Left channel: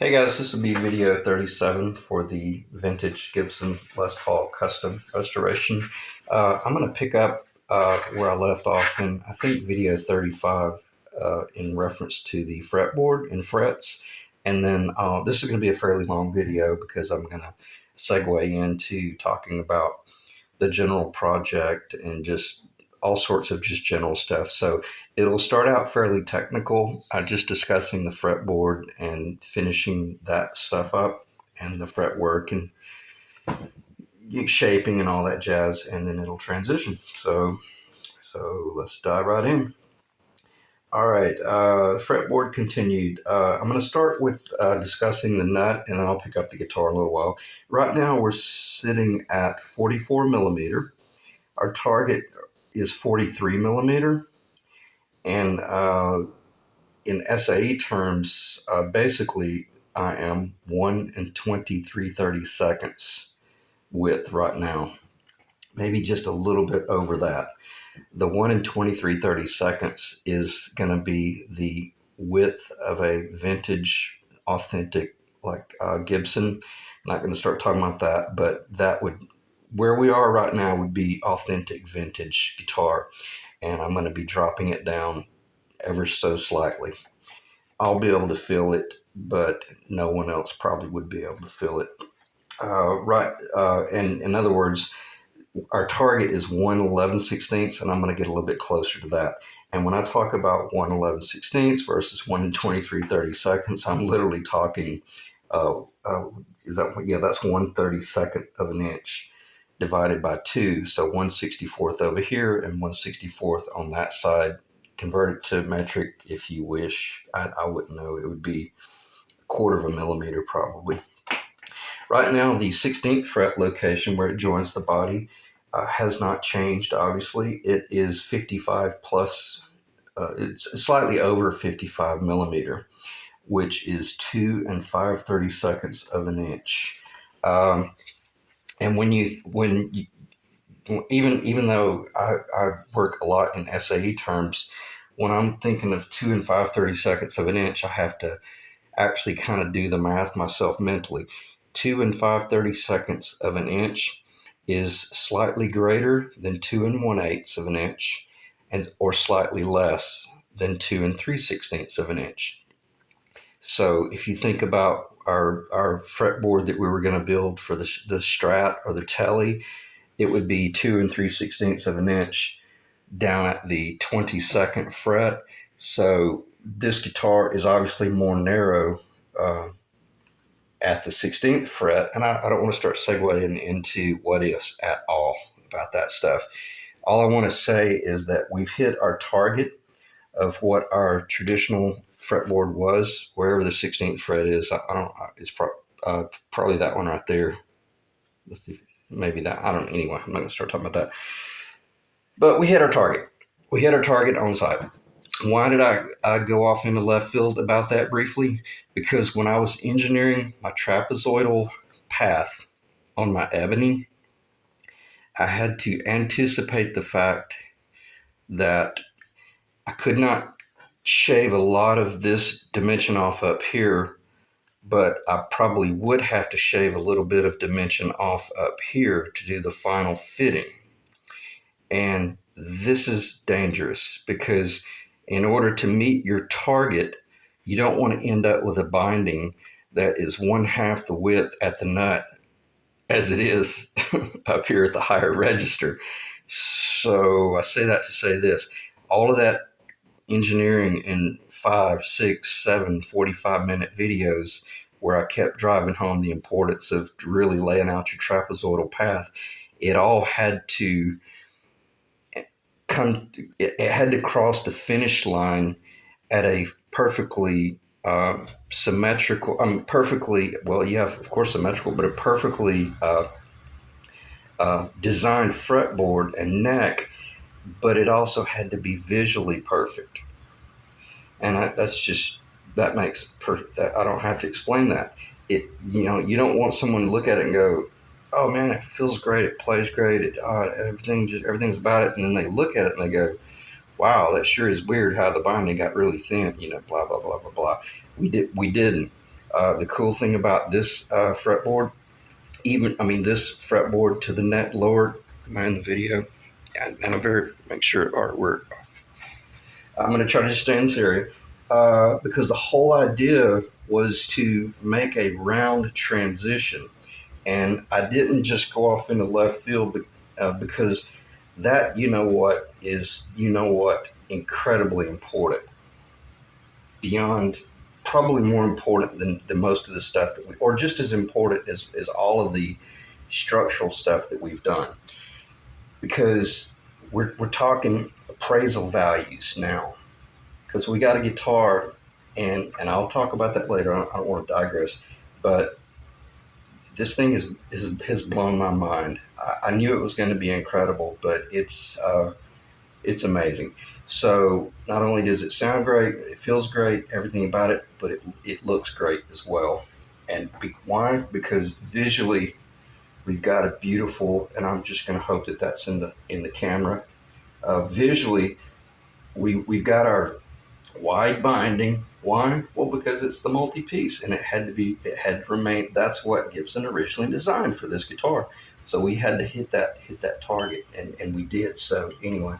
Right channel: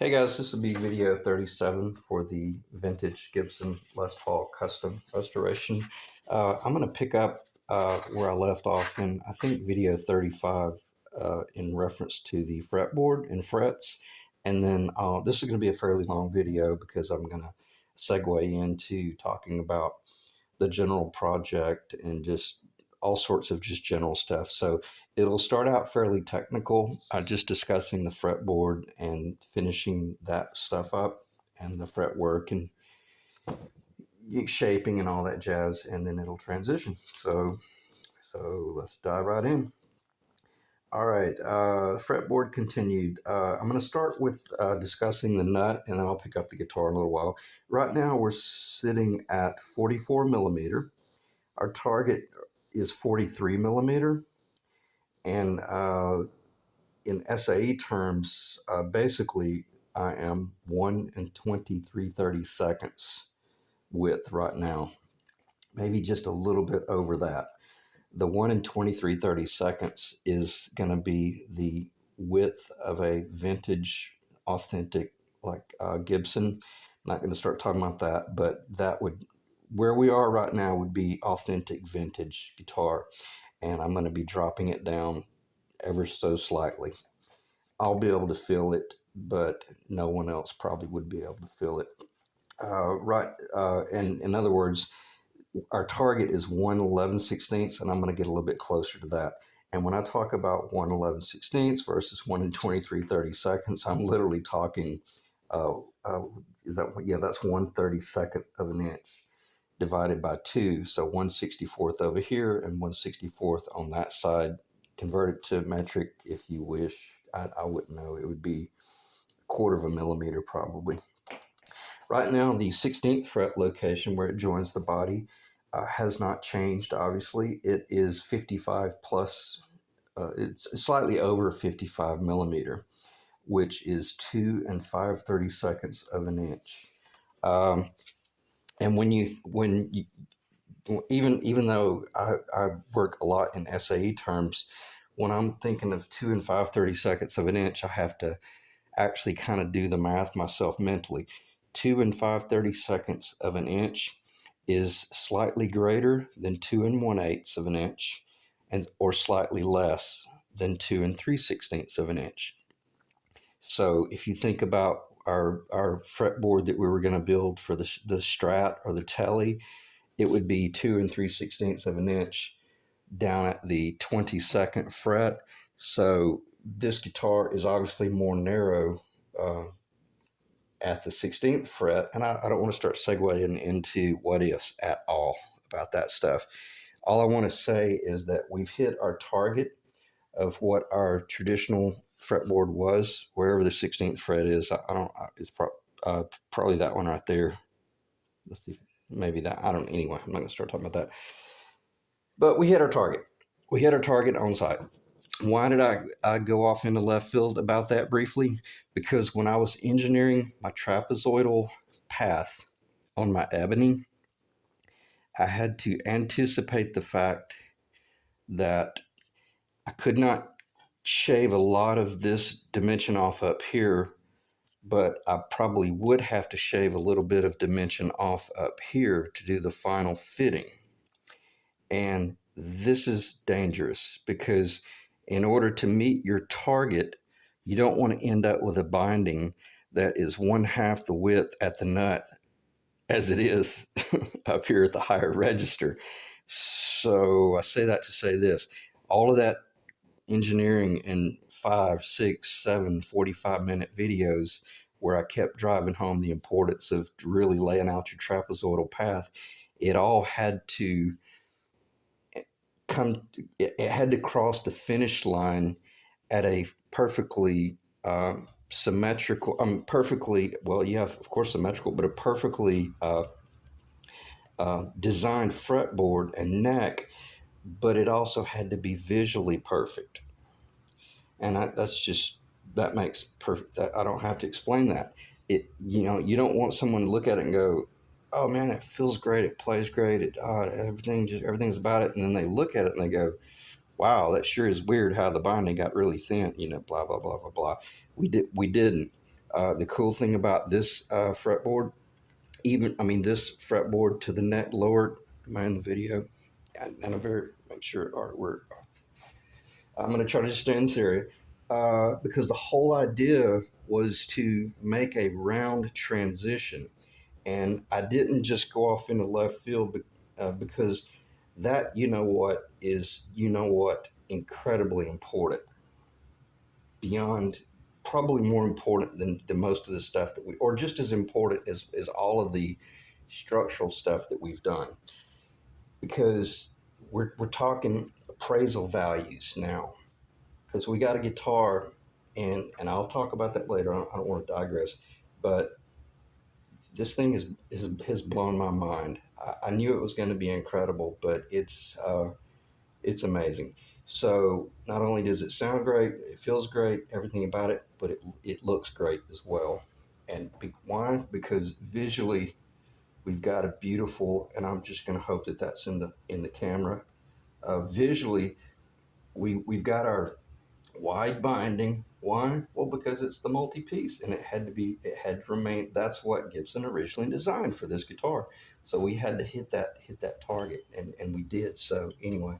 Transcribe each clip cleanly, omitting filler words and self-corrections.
Hey guys, this will be video 37 for the vintage Gibson Les Paul custom restoration. I'm going to pick up where I left off in, I think, video 35 in reference to the fretboard and frets. And then this is going to be a fairly long video because I'm going to segue into talking about the general project and just all sorts of just general stuff. So it'll start out fairly technical, just discussing the fretboard and finishing that stuff up and the fretwork and shaping and all that jazz, and then it'll transition. So let's dive right in. All right, fretboard continued. I'm going to start with discussing the nut, and then I'll pick up the guitar in a little while. Right now, we're sitting at 44 millimeter. Our target is 43 millimeter, and in SAE terms, basically I am 1 and 23/32 width right now, maybe just a little bit over that. The 1 and 23/32 is going to be the width of a vintage, authentic, like Gibson. I'm not going to start talking about that, but that would, where we are right now, would be authentic vintage guitar, and I'm going to be dropping it down ever so slightly. I'll be able to feel it, but no one else probably would be able to feel it. And in other words, our target is 1/11/16, and I'm going to get a little bit closer to that. And when I talk about 1/11/16 versus 1 23/32, I'm literally talking, uh, uh, that's 1/32 of an inch divided by 2. So 1/64 over here and 1/64 on that side. Convert it to metric if you wish. I wouldn't know. It would be a quarter of a millimeter probably. Right now, the 16th fret location where it joins the body has not changed, obviously. It is 55 plus, it's slightly over 55 millimeter, which is 2 and 5/32 of an inch. And even though I work a lot in SAE terms, when I'm thinking of 2 and 5/32 of an inch, I have to actually kind of do the math myself mentally. 2 and 5/32 of an inch is slightly greater than 2 and 1/8 of an inch, and or slightly less than 2 and 3/16 of an inch. So if you think about our fretboard that we were going to build for the Strat or the Telly, it would be 2 and 3/16 of an inch down at the 22nd fret. So this guitar is obviously more narrow at the 16th fret, and I don't want to start segueing into what ifs at all about that stuff. All I want to say is that we've hit our target of what our traditional fretboard was, wherever the 16th fret is. I don't. It's probably that one right there. Let's see, maybe that. I don't. Anyway, I'm not gonna start talking about that. But we hit our target. We hit our target on site. Why did I go off into left field about that briefly? Because when I was engineering my trapezoidal path on my ebony, I had to anticipate the fact that I could not shave a lot of this dimension off up here, but I probably would have to shave a little bit of dimension off up here to do the final fitting. And this is dangerous because in order to meet your target, you don't want to end up with a binding that is 1/2 the width at the nut as it is up here at the higher register. So I say that to say this: all of that engineering in 5, 6, 7, 45-minute videos where I kept driving home the importance of really laying out your trapezoidal path, it all had to it had to cross the finish line at a perfectly symmetrical, perfectly, well, yeah, of course symmetrical, but a perfectly designed fretboard and neck, but it also had to be visually perfect. And that makes perfect, that I don't have to explain that. You don't want someone to look at it and go, oh man, it feels great, it plays great, everything's about it, and then they look at it and they go, wow, that sure is weird how the binding got really thin, blah blah blah blah blah. We didn't. The cool thing about this fretboard, this fretboard to the net lowered, am I in the video? And I'm very, make sure I'm going to try to just stay in this area because the whole idea was to make a round transition. And I didn't just go off into left field because that, incredibly important, beyond, probably more important than most of the stuff or just as important as all of the structural stuff that we've done. Because we're talking appraisal values now. Because we got a guitar, and I'll talk about that later. I don't want to digress, but this thing has blown my mind. I knew it was going to be incredible, but it's amazing. So not only does it sound great, it feels great, everything about it, but it looks great as well. And why? Because visually, we've got a beautiful, and I'm just going to hope that that's in the camera. Visually, we've got our wide binding. Why? Well, because it's the multi-piece, and it had to remain. That's what Gibson originally designed for this guitar. So we had to hit that target, and we did. So anyway,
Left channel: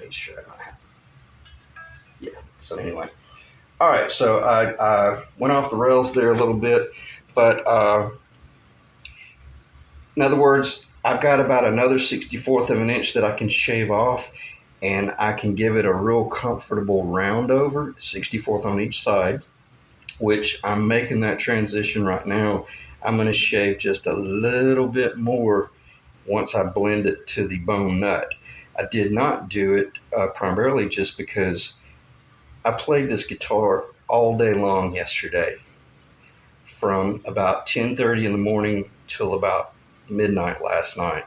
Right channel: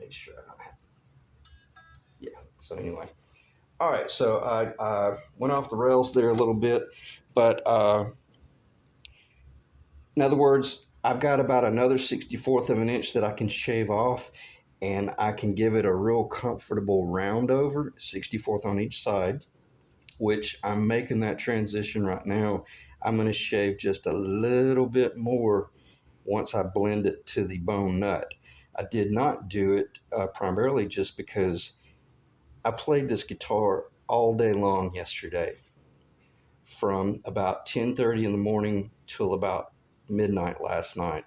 make sure I have. Yeah. So anyway, all right. So I went off the rails there a little bit, but in other words, I've got about another 64th of an inch that I can shave off, and I can give it a real comfortable round over, 64th on each side, which I'm making that transition right now. I'm going to shave just a little bit more once I blend it to the bone nut. I did not do it primarily just because I played this guitar all day long yesterday, from about 10:30 in the morning till about midnight last night,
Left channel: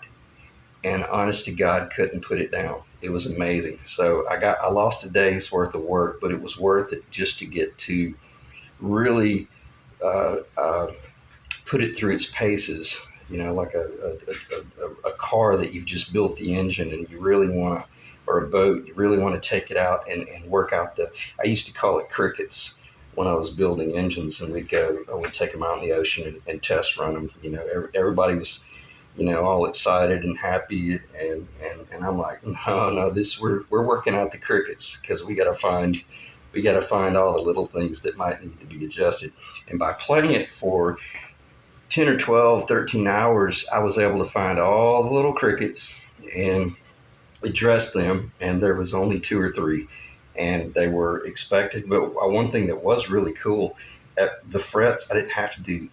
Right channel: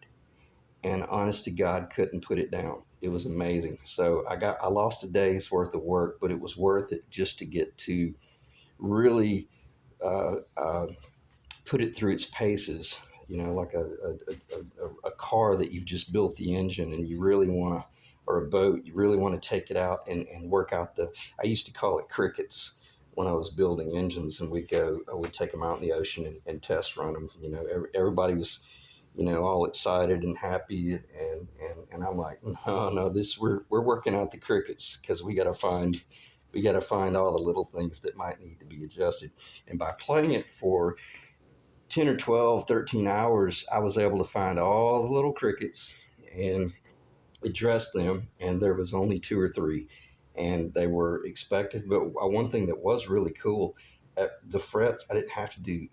and honest to God, couldn't put it down. It was amazing. So I lost a day's worth of work, but it was worth it just to get to really uh, uh, put it through its paces. Like a car that you've just built the engine and you really want to, or a boat, you really want to take it out and work out I used to call it crickets when I was building engines, and we'd take them out in the ocean and test run them. Everybody was, all excited and happy, and I'm like, no, we're working out the crickets, because we got to find all the little things that might need to be adjusted. And by playing it for 10 or 12, 13 hours, I was able to find all the little crickets and address them, and there was only two or three, and they were expected. But one thing that was really cool, at the frets, I didn't have to do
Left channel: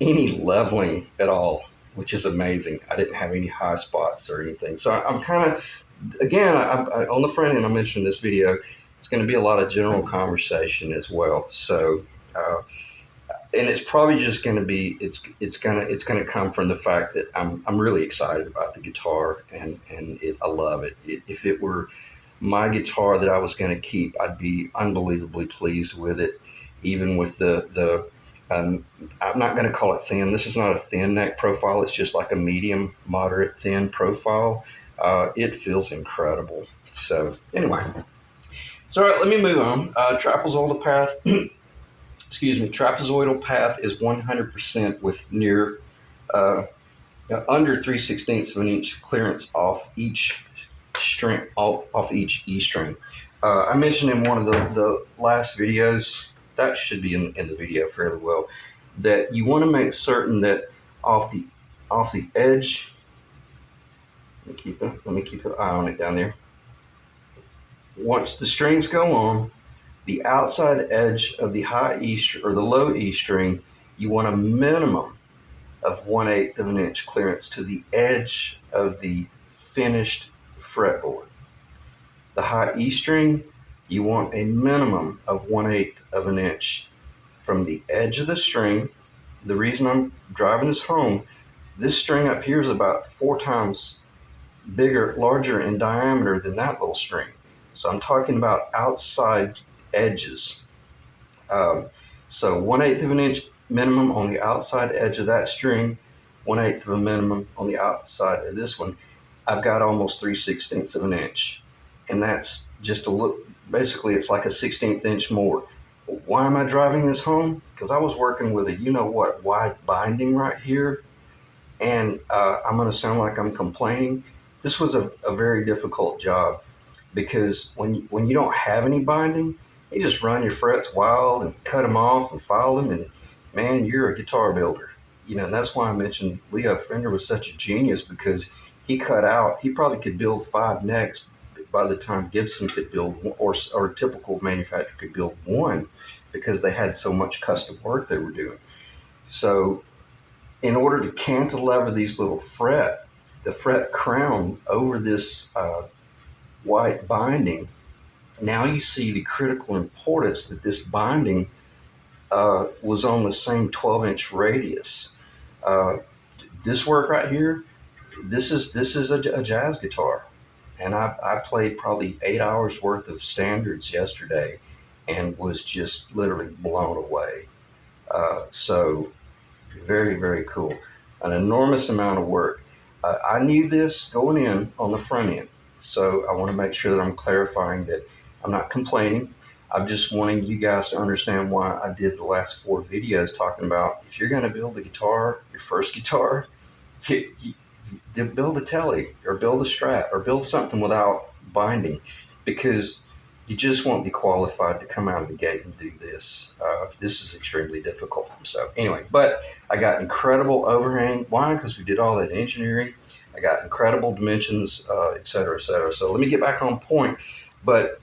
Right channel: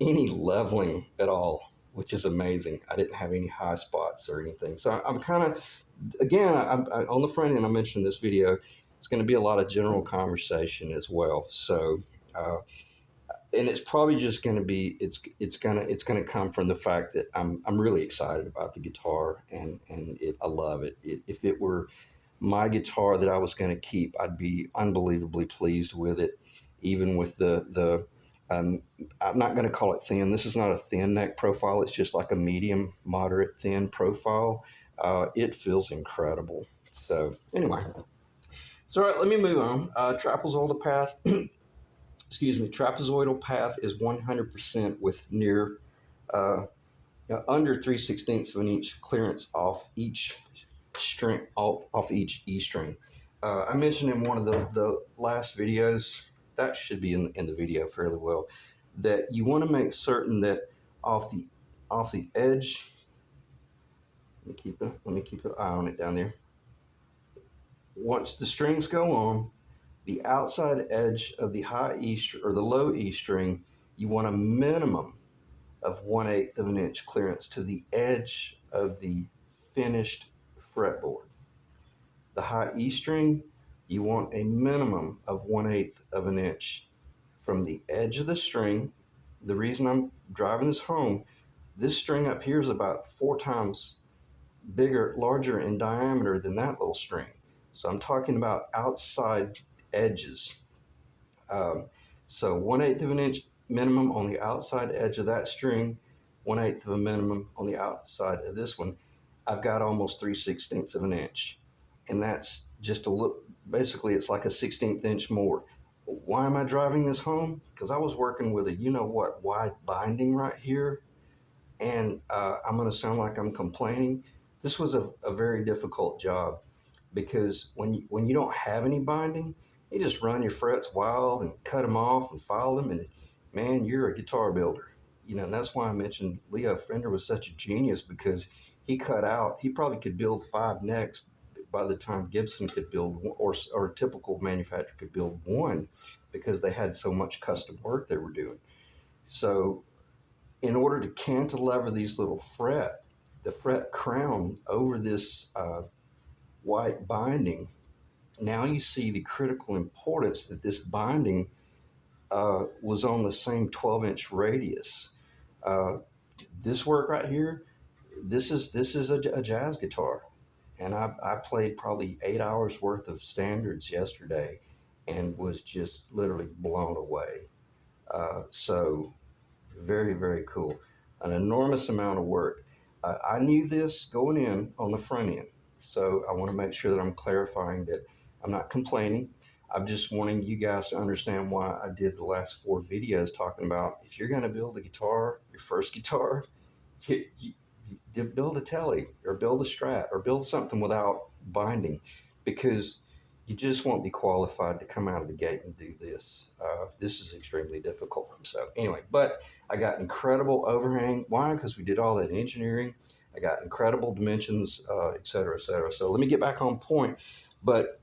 any leveling at all, which is amazing. I didn't have any high spots or anything. So I'm kind of, again, on the front end, I mentioned in this video, it's going to be a lot of general conversation as well. So, and it's probably just going to be, it's gonna come from the fact that I'm really excited about the guitar, and I love it. If it were my guitar that I was going to keep, I'd be unbelievably pleased with it, even with the I'm not going to call it thin. This is not a thin neck profile. It's just like a medium, moderate, thin profile. It feels incredible. So anyway, all right. Let me move on. Trapezoidal path. Excuse me. Trapezoidal path is 100% with near under 3/16 of an inch clearance off each string, off each E string. I mentioned in one of the last videos, that should be in the video fairly well, that you want to make certain that off the edge. Let me keep an eye on it down there. Once the strings go on, the outside edge of the high E or the low E string, you want a minimum of 1/8 of an inch clearance to the edge of the finished fretboard. The high E string, you want a minimum of 1/8 of an inch from the edge of the string. The reason I'm driving this home, this string up here is about 4 times larger in diameter than that little string. So I'm talking about outside edges. So 1/8 of an inch minimum on the outside edge of that string, 1/8 of a minimum on the outside of this one. I've got almost 3/16 of an inch, and that's just a look. Basically, it's like a 16th inch more. Why am I driving this home? Because I was working with a you know what wide binding right here, and I'm going to sound like I'm complaining. This was a very difficult job because when you don't have any binding, you just run your frets wild and cut them off and file them, and man, you're a guitar builder. You know, and that's why I mentioned Leo Fender was such a genius because he cut out. He probably could build 5 necks by the time Gibson could build one, or a typical manufacturer could build one, because they had so much custom work they were doing. So in order to cantilever these little the fret crown over this white binding, now you see the critical importance that this binding was on the same 12-inch radius. Uh, this work right here, this is a jazz guitar, and I played probably 8 hours worth of standards yesterday, and was just literally blown away. So very, very cool. An enormous amount of work. I knew this going in on the front end. So I want to make sure that I'm clarifying that I'm not complaining. I'm just wanting you guys to understand why I did the last 4 videos talking about if you're going to build a guitar, your first guitar, build a telly or build a strat or build something without binding, because you just won't be qualified to come out of the gate and do this. This is extremely difficult. So anyway, but I got incredible overhang. Why? Because we did all that engineering. I got incredible dimensions, et cetera, et cetera. So let me get back on point. But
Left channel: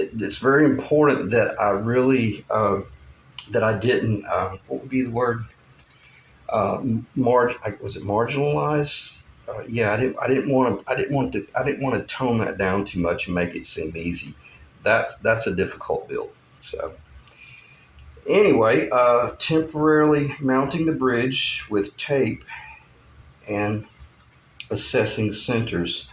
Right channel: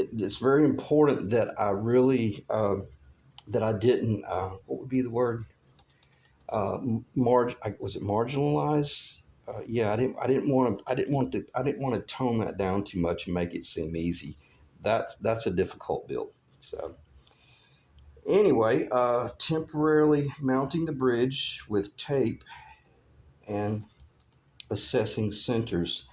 it's very important that I really, that I didn't, what would be the word? Was it marginalized? Yeah, I didn't want to tone that down too much and make it seem easy. That's a difficult build. So anyway, temporarily mounting the bridge with tape and assessing centers.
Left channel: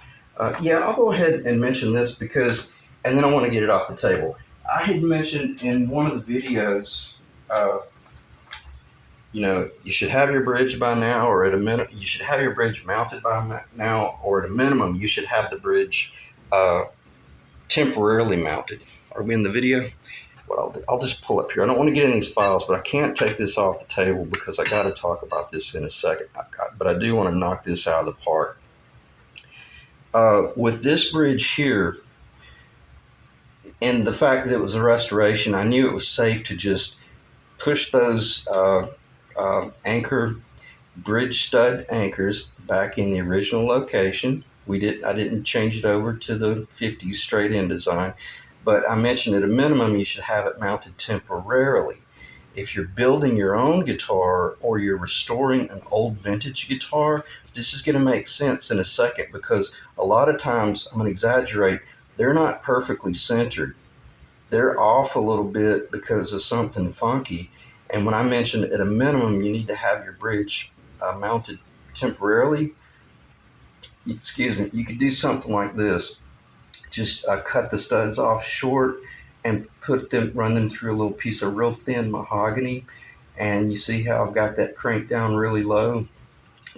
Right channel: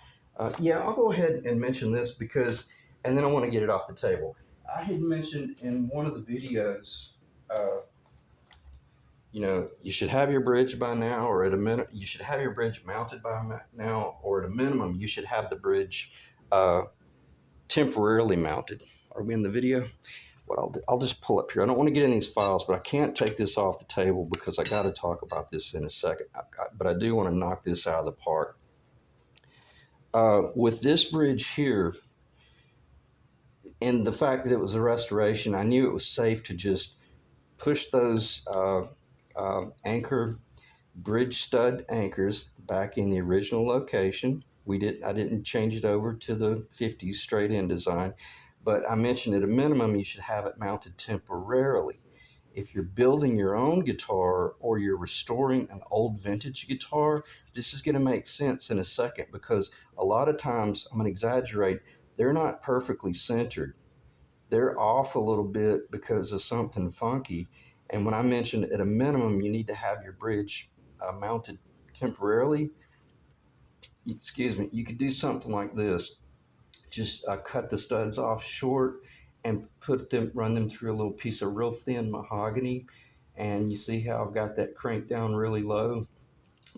Yeah, I'll go ahead and mention this because, and then I want to get it off the table. I had mentioned in one of the videos, uh, you should have your bridge by now, or at a minimum, you should have your bridge mounted by now, or at a minimum, you should have the bridge uh, temporarily mounted. Are we in the video? Well, I'll just pull up here. I don't want to get in these files, but I can't take this off the table because I got to talk about this in a second. But I do want to knock this out of the park. With this bridge here, and the fact that it was a restoration, I knew it was safe to just push those anchor bridge stud anchors back in the original location. I didn't change it over to the 50s straight in design, but I mentioned at a minimum you should have it mounted temporarily. If you're building your own guitar or you're restoring an old vintage guitar, this is going to make sense in a second, because a lot of times, I'm going to exaggerate, they're not perfectly centered. They're off a little bit because of something funky. And when I mentioned at a minimum, you need to have your bridge mounted temporarily, excuse me, you could do something like this. Just cut the studs off short and run them through a little piece of real thin mahogany. And you see how I've got that cranked down really low?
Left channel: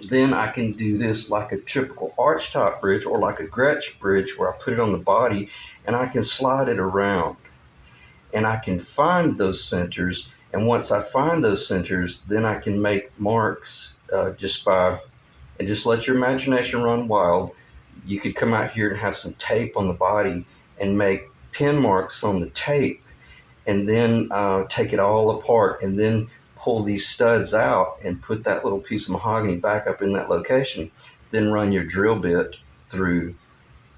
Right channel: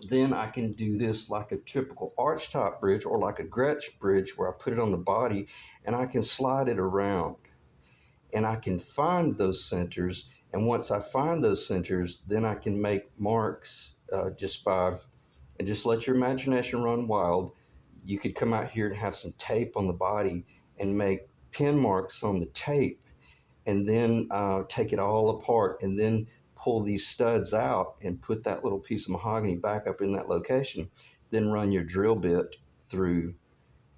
Then I can do this like a typical archtop bridge or like a Gretsch bridge, where I put it on the body and I can slide it around and I can find those centers. And once I find those centers, then I can make marks and just let your imagination run wild. You could come out here and have some tape on the body and make pin marks on the tape, and then take it all apart and then pull these studs out and put that little piece of mahogany back up in that location. Then run your drill bit through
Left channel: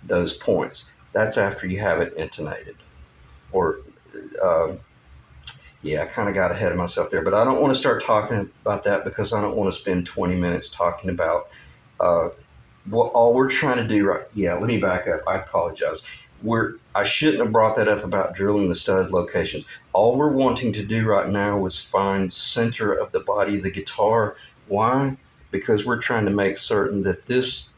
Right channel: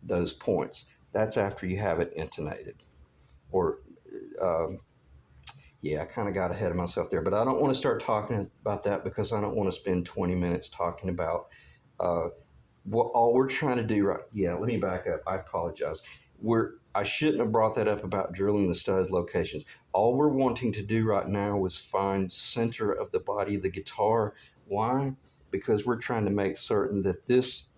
those points. That's after you have it intonated. Or uh, yeah, I kind of got ahead of myself there, but I don't want to start talking about that because I don't want to spend 20 minutes talking about uh, what all we're trying to do. Right? Yeah, let me back up. I apologize. I shouldn't have brought that up about drilling the stud locations. All we're wanting to do right now is find center of the body of the guitar. Why? Because we're trying to make certain that this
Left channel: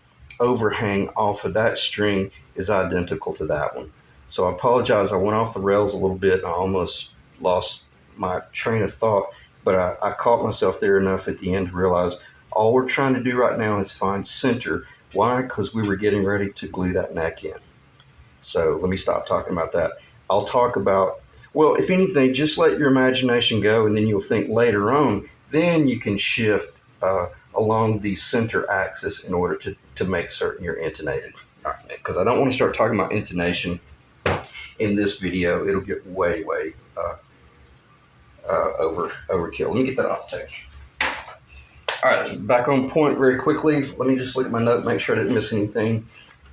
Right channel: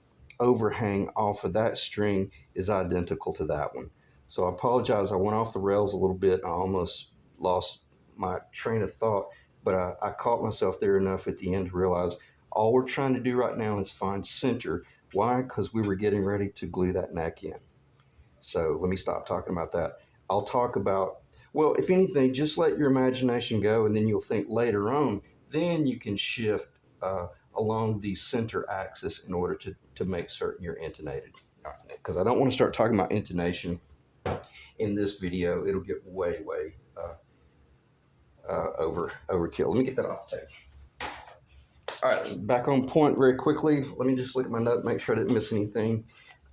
overhang off of that string is identical to that one. So I apologize. I went off the rails a little bit. I almost lost my train of thought, but I caught myself there enough at the end to realize all we're trying to do right now is find center. Why? Because we were getting ready to glue that neck in. So let me stop talking about that. I'll talk about, Well, if anything, just let your imagination go, and then you'll think later on. Then you can shift along the center axis in order to make certain you're intonated. Because I don't want to start talking about intonation in this video. It'll get way overkill. Let me get that off the table. All right, back on point very quickly. Let me just look at my note, make sure I didn't miss anything.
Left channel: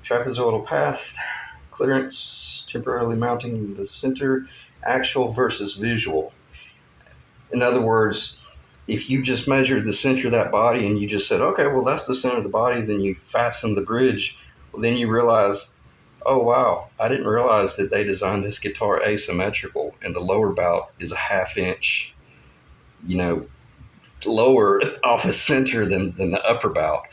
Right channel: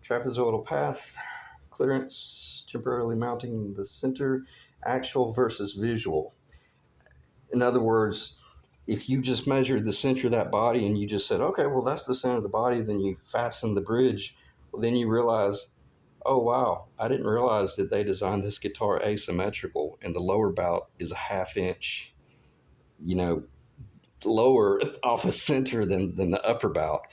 Trapezoidal path, clearance, temporarily mounting the center, actual versus visual. In other words, if you just measured the center of that body and you just said, okay, well, that's the center of the body, then you fasten the bridge, well, then you realize, oh, wow, I didn't realize that they designed this guitar asymmetrical and the lower bout is a half inch, lower off a center than the upper bout.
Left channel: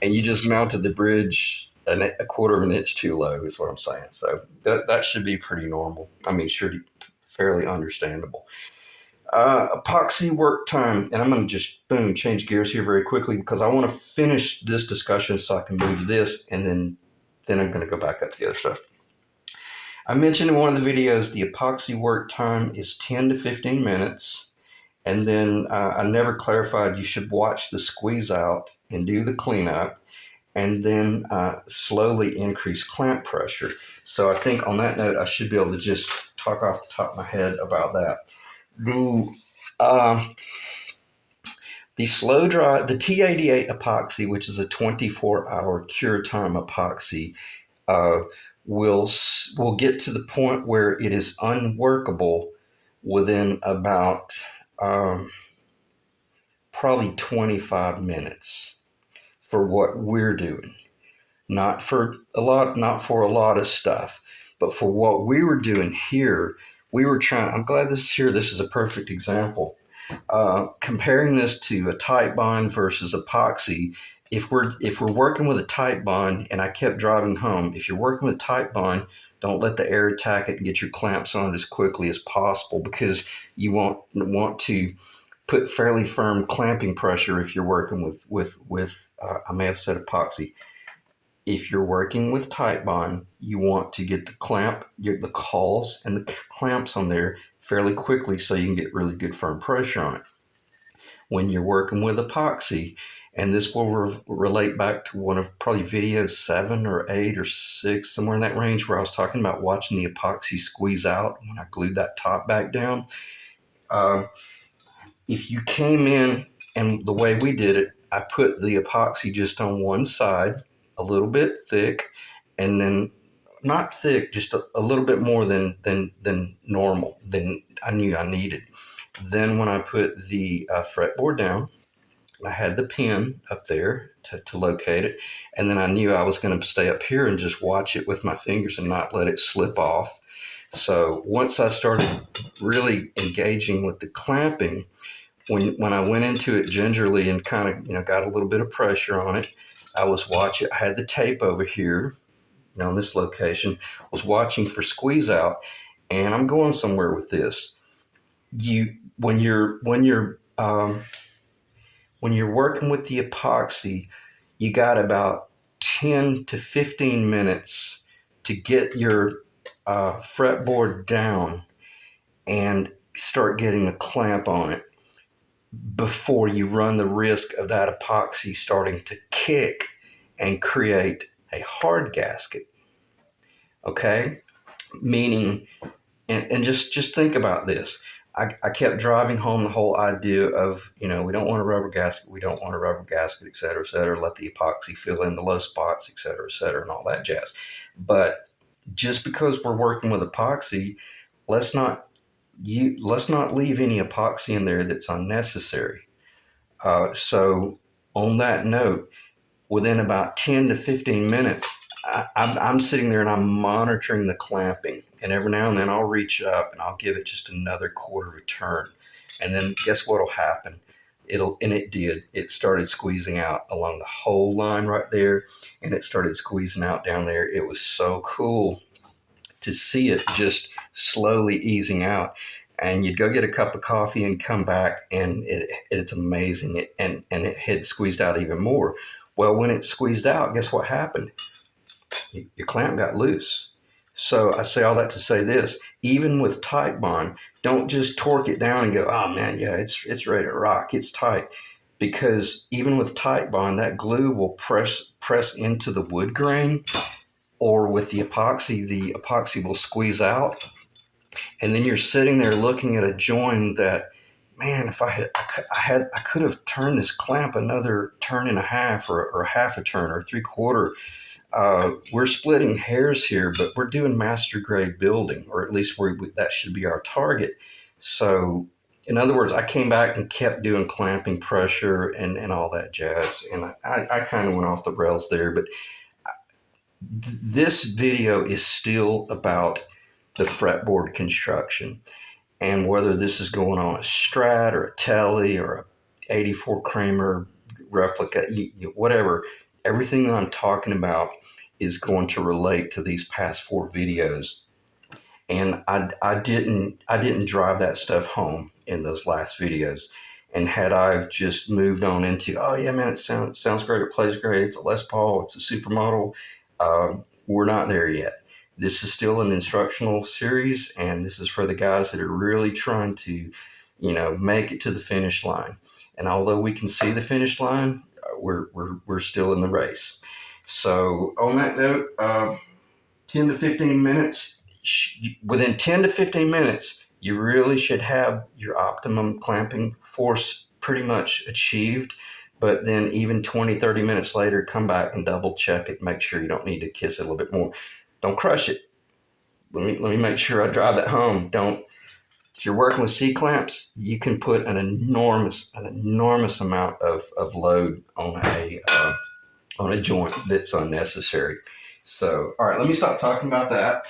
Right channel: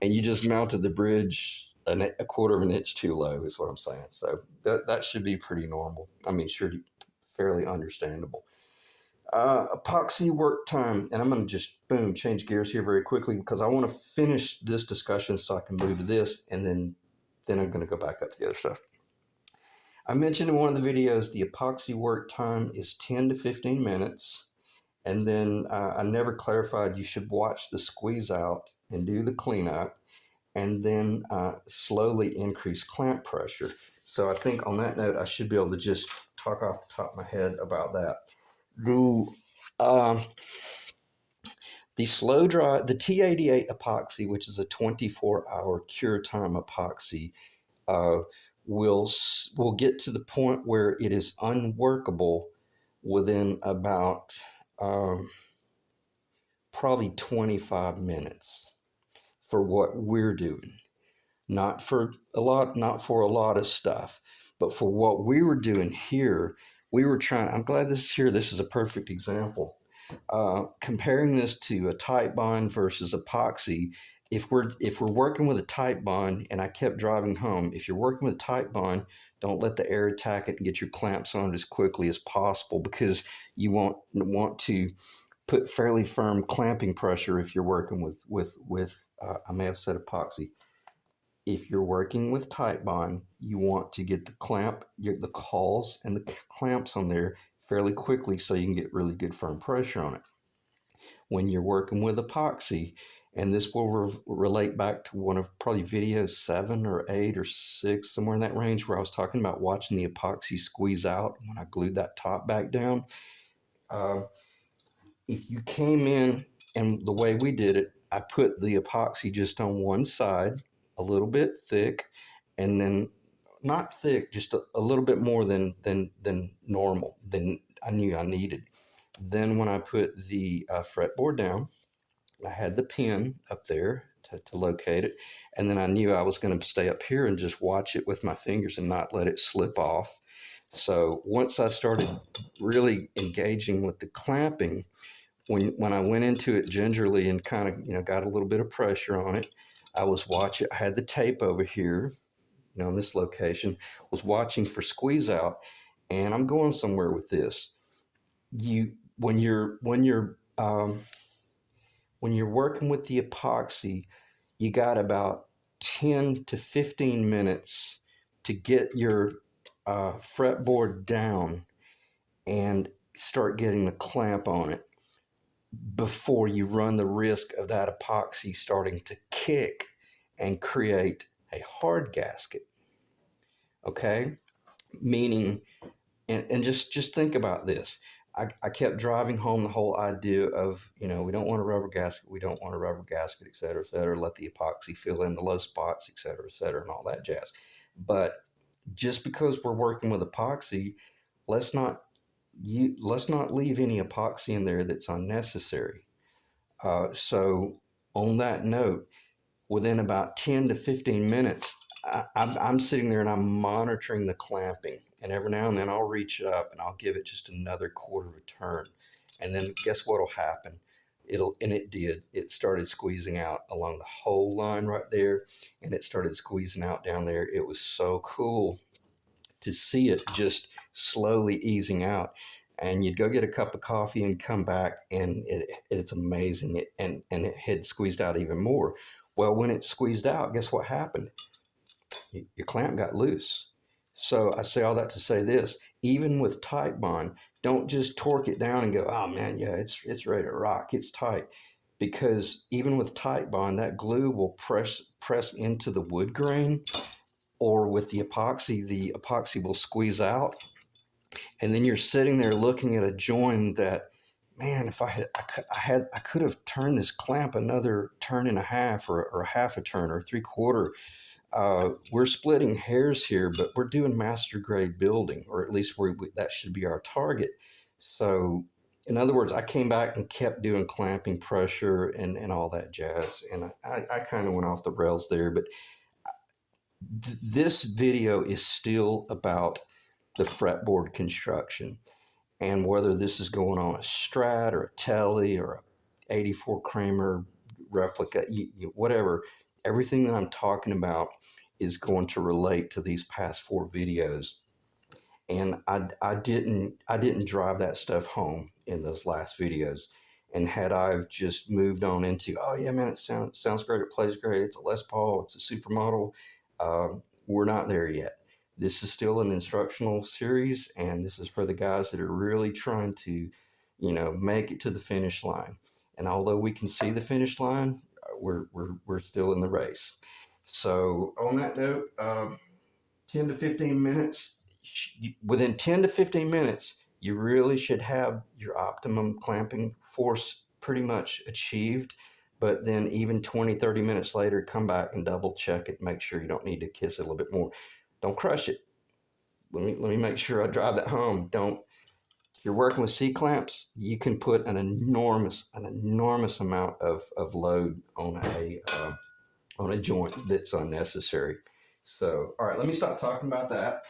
And you just mounted the bridge a quarter of an inch too low, is what I'm saying. So that should be pretty normal. I mean, sure, fairly understandable. Epoxy work time, and I'm going to just change gears here very quickly because I want to finish this discussion so I can move to this, and then I'm going to go back up to the other stuff. I mentioned in one of the videos the epoxy work time is 10 to 15 minutes, and then I never clarified you should watch the squeeze out and do the cleanup, and then slowly increase clamp pressure. So I think on that note, I should be able to just talk off the top of my head about that. The slow dry, the T88 epoxy, which is a 24-hour cure time epoxy, will get to the point where it is unworkable within about probably 25 minutes for what we're doing. Not for a lot of stuff, but for what we were doing here, we were trying. I'm glad this is here. This is a perfect example. Comparing this to a tight bond versus epoxy, if we're working with a tight bond, and I kept driving home, if you're working with a tight bond, don't let the air attack it and get your clamps on it as quickly as possible, because you want to put fairly firm clamping pressure if you're working with I may have said epoxy. If you're working with tight bond, you want to get the cawls and the clamps on there fairly quickly so you can get really good firm pressure on it. When you're working with epoxy, and this will relate back to one of probably videos 7 or 8 or 6, somewhere in that range, where I was talking about watching the epoxy squeeze out when I glued that top back down. If you came in, and the way we did it, I put the epoxy just on one side, a little bit thick, and then not thick, just a little bit more than normal, than I knew I needed. Then when I put the fretboard down, I had the pin up there to locate it, and then I knew I was going to stay up here and just watch it with my fingers and not let it slip off. So once I started really engaging with the clamping, when I went into it gingerly and kind of got a little bit of pressure on it, I was watching. I had the tape over here, on this location. Was watching for squeeze out, and I'm going somewhere with this. When you're working with the epoxy, you got about 10 to 15 minutes to get your fretboard down and start getting the clamp on it before you run the risk of that epoxy starting to kick and create a hard gasket. Okay? Meaning, and just think about this. I kept driving home the whole idea of, we don't want a rubber gasket, et cetera, let the epoxy fill in the low spots, et cetera, and all that jazz. But just because we're working with epoxy, let's not leave any epoxy in there that's unnecessary. So on that note, within about 10 to 15 minutes, I'm sitting there and I'm monitoring the clamping. And every now and then I'll reach up and I'll give it just another quarter of a turn. And then guess what will happen? It did. It started squeezing out along the whole line right there. And it started squeezing out down there. It was so cool to see it just slowly easing out. And you'd go get a cup of coffee and come back, and it's amazing. And it had squeezed out even more. Well, when it squeezed out, guess what happened? Your clamp got loose. So I say all that to say this: even with tight bond, Don't just torque it down and go, oh man, yeah, it's ready to rock. It's tight. Because even with tight bond, that glue will press into the wood grain, or with the epoxy will squeeze out, and then you're sitting there looking at a joint that, man, if I could have turned this clamp another turn and a half, or half a turn, or three-quarter. We're splitting hairs here, but we're doing master grade building, or at least that should be our target. So, in other words, I came back and kept doing clamping pressure and all that jazz. And I kind of went off the rails there, but this video is still about the fretboard construction, and whether this is going on a Strat or a Telly or a 84 Kramer replica, whatever, everything that I'm talking about is going to relate to these past four videos. And I didn't drive that stuff home in those last videos. And had I just moved on into, oh yeah, man, it sounds great, it plays great, it's a Les Paul, it's a supermodel, we're not there yet. This is still an instructional series, and this is for the guys that are really trying to, make it to the finish line. And although we can see the finish line, we're still in the race. So on that note, 10 to 15 minutes. Within 10 to 15 minutes, you really should have your optimum clamping force pretty much achieved. But then even 20, 30 minutes later, come back and double check it. Make sure you don't need to kiss it a little bit more. Don't crush it. Let me make sure I drive that home. Don't. If you're working with C clamps, you can put an enormous amount of load on a joint that's unnecessary. So, all right, let me stop talking about that.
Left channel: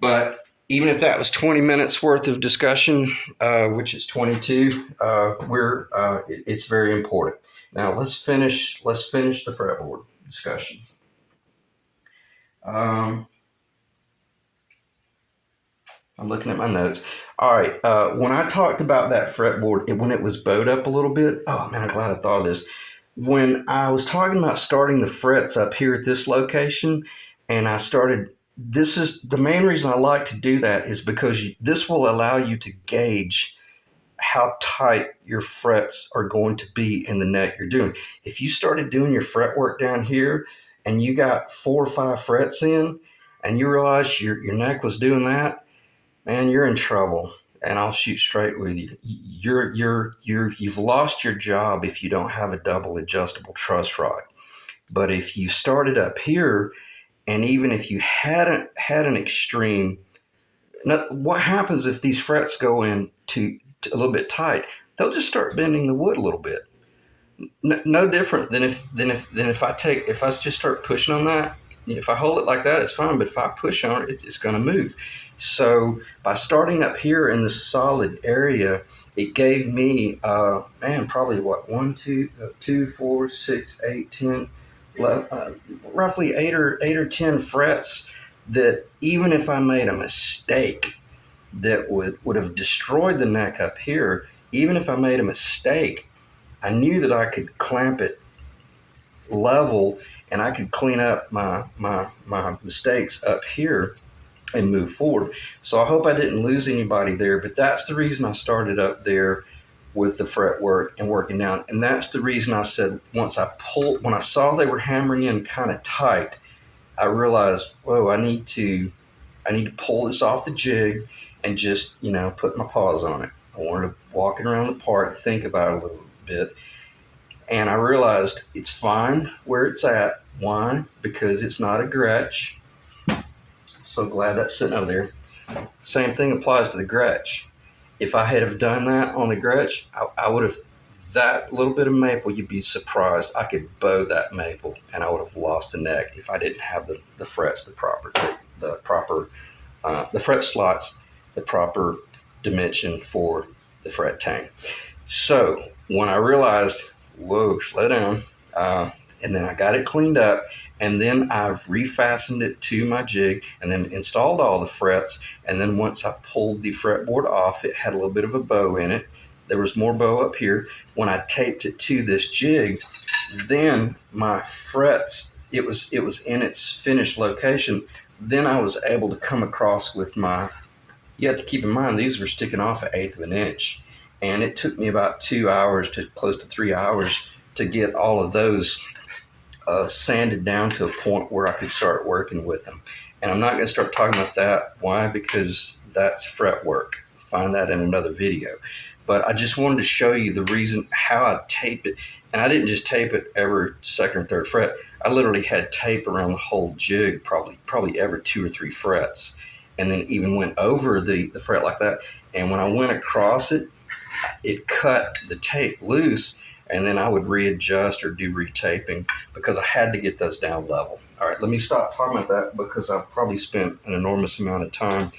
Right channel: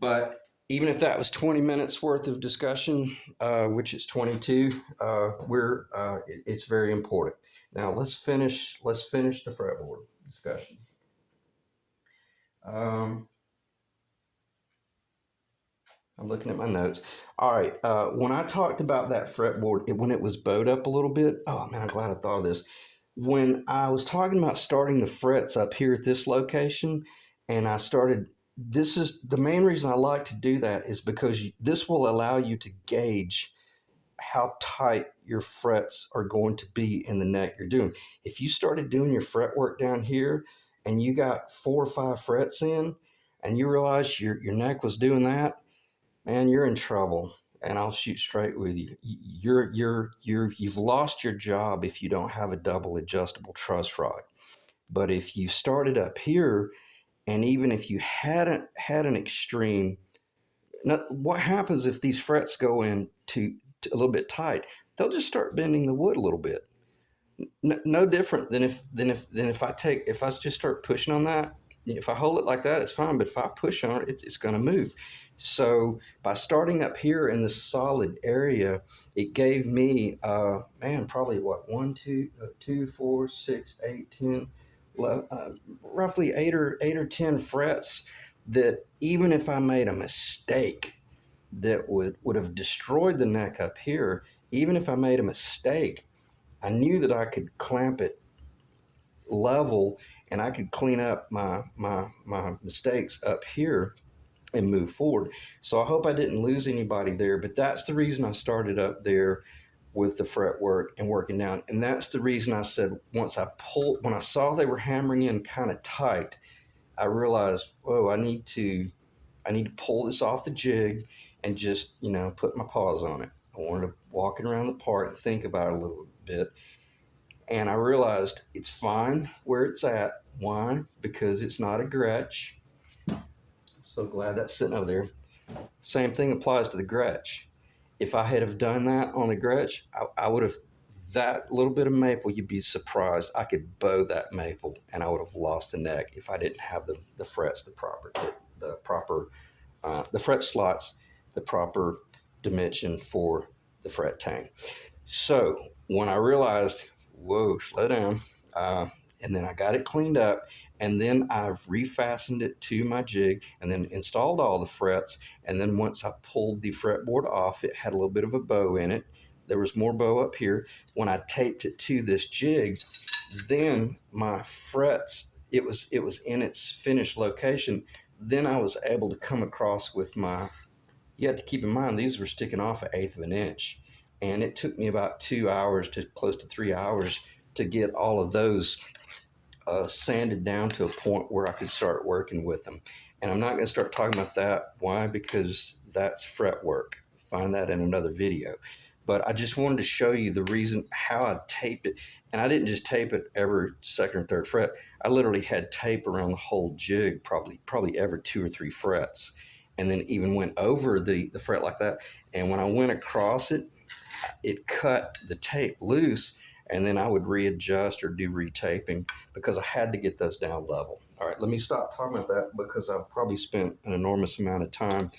But even if that was 20 minutes worth of discussion, which is 22, it's very important. Now let's finish the fretboard discussion. I'm looking at my notes. All right, when I talked about that fretboard, when it was bowed up a little bit, oh man, I'm glad I thought of this. When I was talking about starting the frets up here at this location, and this is the main reason I like to do that, is because this will allow you to gauge how tight your frets are going to be in the neck you're doing. If you started doing your fretwork down here and you got 4 or 5 frets in, and you realize your neck was doing that, man, you're in trouble. And I'll shoot straight with you. You've lost your job if you don't have a double adjustable truss rod. But if you started up here, and even if you hadn't had an extreme, now, what happens if these frets go in to a little bit tight? They'll just start bending the wood a little bit. No different than if I just start pushing on that. If I hold it like that, it's fine. But if I push on it, it's going to move. So by starting up here in this solid area, it gave me, probably what, 1, 2, 2, 4, 6, 8, 10, roughly 8 or 10 frets that even if I made a mistake that would have destroyed the neck up here, even if I made a mistake, I knew that I could clamp it level and I could clean up my mistakes up here and move forward. So I hope I didn't lose anybody there, but that's the reason I started up there with the fretwork and working down. And that's the reason I said when I saw they were hammering in kind of tight, I realized, whoa, I need to pull this off the jig and just, put my paws on it. I wanted to walk around the part, think about it a little bit. And I realized it's fine where it's at. Why? Because it's not a Gretsch. So glad that's sitting over there. Same thing applies to the Gretsch. If I had have done that on the Gretsch, I would have, that little bit of maple, you'd be surprised. I could bow that maple and I would have lost the neck if I didn't have the frets, the fret slots, the proper dimension for the fret tank. So when I realized, whoa, slow down, and then I got it cleaned up, and then I've refastened it to my jig and then installed all the frets. And then once I pulled the fretboard off, it had a little bit of a bow in it. There was more bow up here. When I taped it to this jig, then my frets, it was in its finished location. Then I was able to come across with my you have to keep in mind these were sticking off 1/8 of an inch, and it took me about 2 hours to close to 3 hours to get all of those sanded down to a point where I could start working with them. And I'm not going to start talking about that. Why? Because that's fretwork. Find that in another video. But I just wanted to show you the reason how I taped it. And I didn't just tape it every second or third fret. I literally had tape around the whole jig, probably every 2 or 3 frets, and then even went over the fret like that. And when I went across it, it cut the tape loose, and then I would readjust or do retaping because I had to get those down level. All right, let me stop talking about that because I've probably spent an enormous amount of time.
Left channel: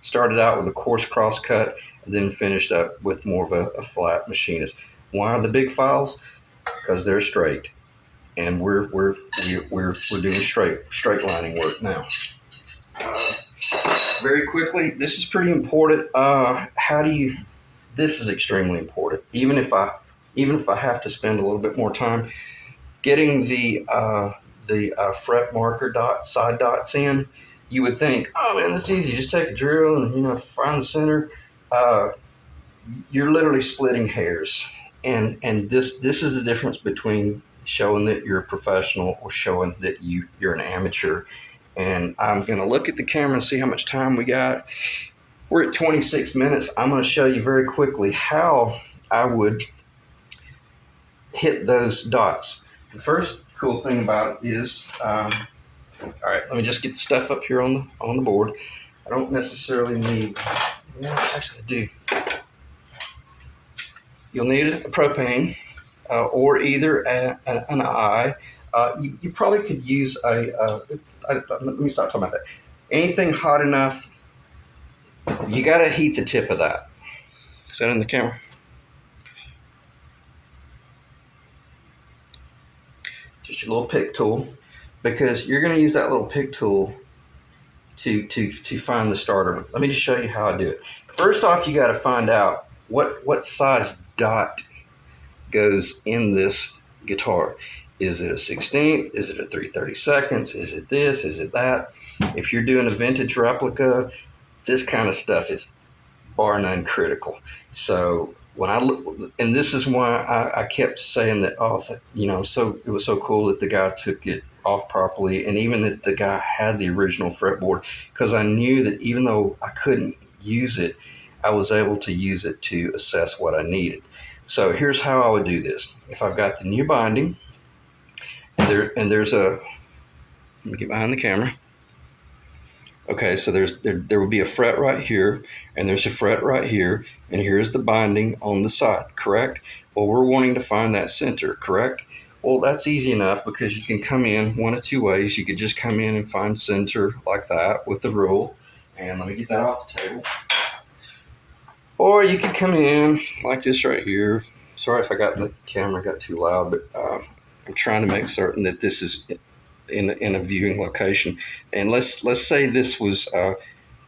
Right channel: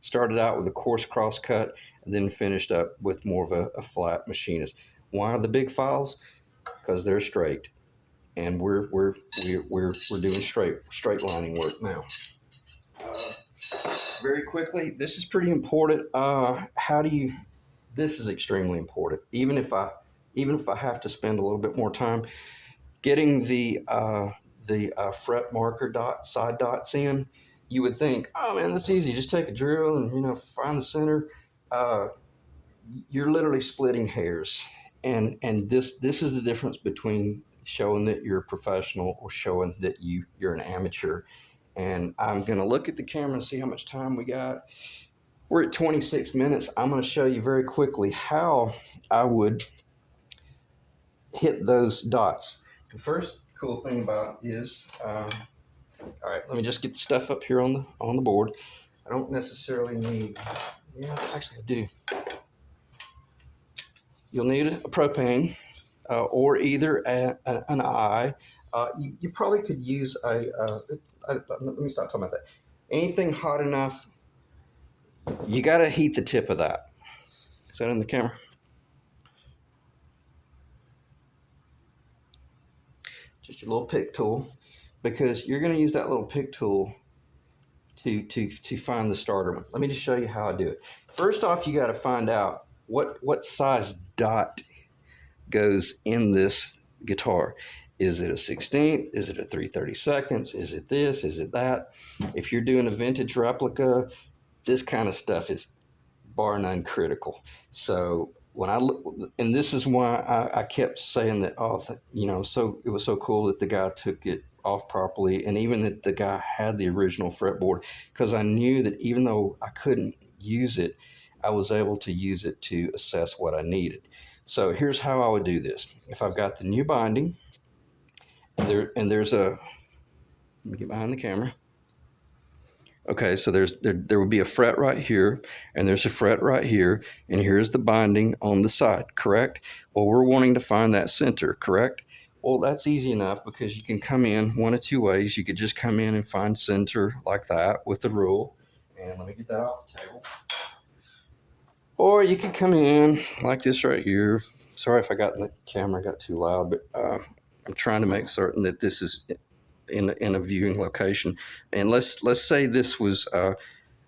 Started out with a coarse cross cut, and then finished up with more of a flat machinist. Why the big files? Because they're straight, and we're doing straight lining work now. Very quickly, this is pretty important. This is extremely important. Even if I have to spend a little bit more time getting the fret marker side dots in, you would think, oh man, that's easy. Just take a drill and find the center. You're literally splitting hairs, and this is the difference between showing that you're a professional or showing that you're an amateur. And I'm gonna look at the camera and see how much time we got. We're at 26 minutes. I'm going to show you very quickly how I would hit those dots. The first cool thing about it is, all right, let me just get the stuff up here on the board. I don't necessarily need, actually I do. You'll need a propane or either an eye. You probably could use let me stop talking about that. Anything hot enough, you got to heat the tip of that. Is that in the camera? Just your little pick tool, because you're going to use that little pick tool to find the starter. Let me just show you how I do it. First off, you got to find out what size dot goes in this guitar. Is it a 16th? Is it a 3/32? Is it this? Is it that? If you're doing a vintage replica, this kind of stuff is bar none critical. So when I look, and this is why I kept saying that, so it was so cool that the guy took it off properly, and even that the guy had the original fretboard, because I knew that even though I couldn't use it, I was able to use it to assess what I needed. So here's how I would do this. If I've got the new binding, and there's a, let me get behind the camera. Okay, so there will be a fret right here, and there's a fret right here, and here's the binding on the side, correct? Well, we're wanting to find that center, correct? Well, that's easy enough because you can come in one of two ways. You could just come in and find center like that with the rule, and let me get that off the table. Or you could come in like this right here. Sorry if the camera got too loud, but I'm trying to make certain that this is in a viewing location. And let's say this was, I'm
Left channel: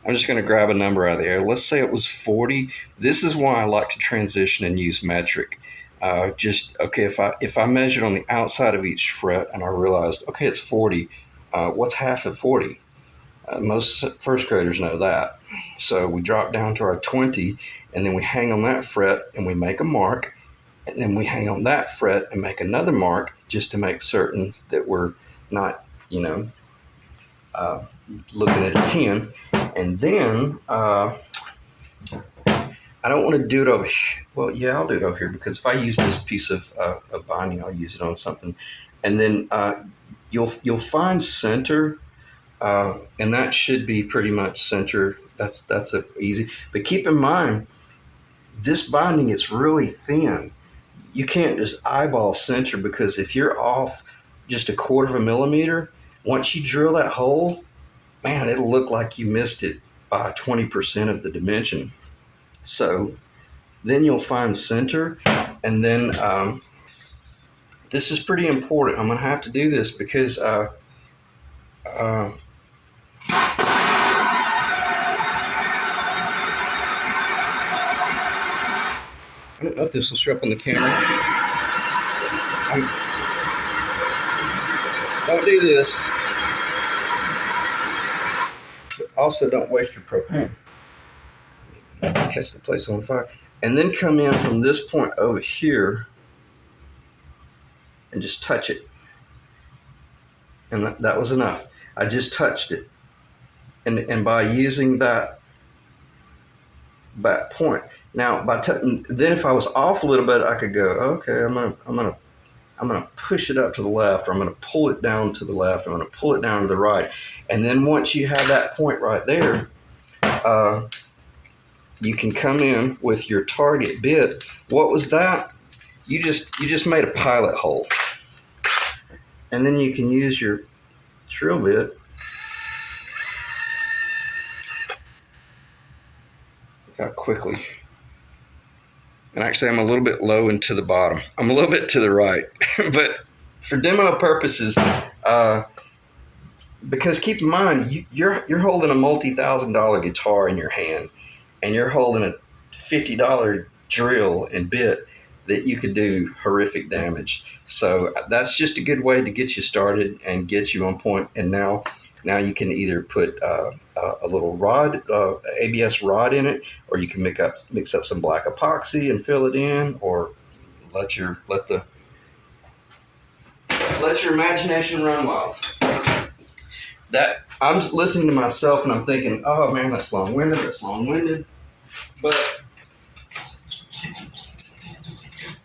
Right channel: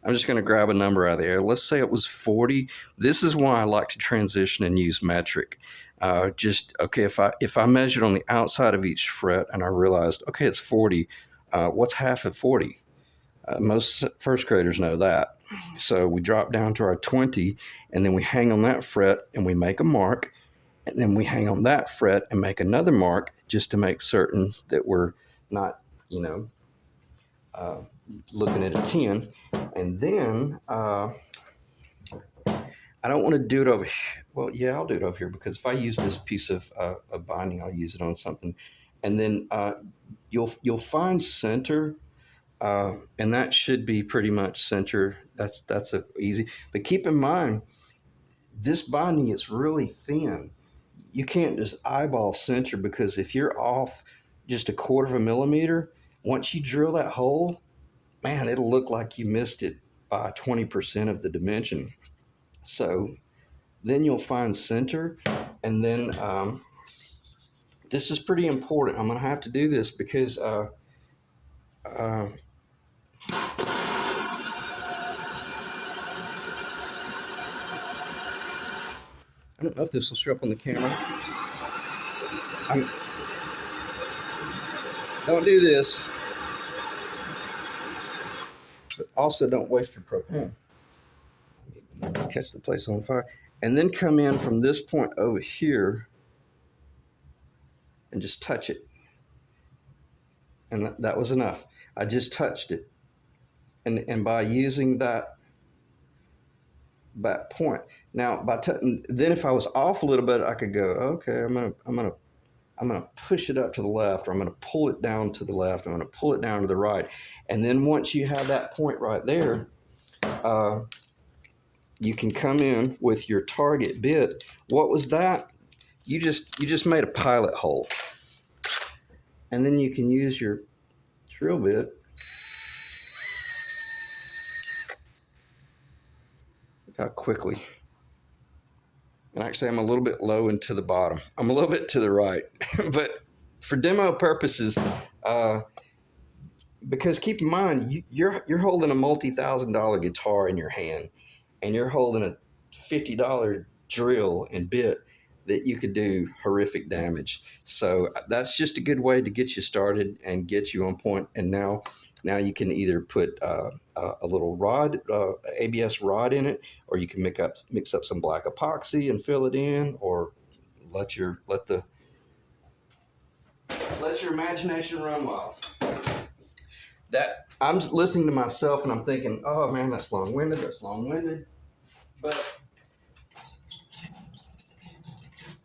just going to grab a number out of the air. Let's say it was 40. This is why I like to transition and use metric. If I measured on the outside of each fret and I realized, okay, it's 40, what's half of 40? Most first graders know that. So we drop down to our 20, and then we hang on that fret and we make a mark, and then we hang on that fret and make another mark just to make certain that we're not, looking at a 10. And then I don't want to do it over here. Well, yeah, I'll do it over here, because if I use this piece of binding, I'll use it on something. And then you'll find center, and that should be pretty much center. That's easy. But keep in mind, this binding is really thin. You can't just eyeball center, because if you're off just 1/4 millimeter, once you drill that hole, man, it'll look like you missed it by 20% of the dimension. So then you'll find center, and then this is pretty important. I'm going to have to do this because I don't know if this will show up on the camera. Don't do this. But also, don't waste your propane. catch the place on fire. And then come in from this point over here and just touch it. And that was enough. I just touched it. And by using that point, now then if I was off a little bit, I could go, okay, I'm gonna push it up to the left, or I'm gonna pull it down to the left, I'm gonna pull it down to the right. And then once you have that point right there, you can come in with your target bit. What was that? You just made a pilot hole. And then you can use your drill bit. Got quickly. And actually I'm a little bit low and to the bottom. I'm a little bit to the right. But for demo purposes, because keep in mind, you're holding a multi-$1,000 guitar in your hand, and you're holding a $50 drill and bit that you could do horrific damage. So that's just a good way to get you started and get you on point. And now you can either put a little rod, ABS rod in it, or you can mix up some black epoxy and fill it in, or let your imagination run wild. That I'm listening to myself and I'm thinking, oh man, that's long-winded. But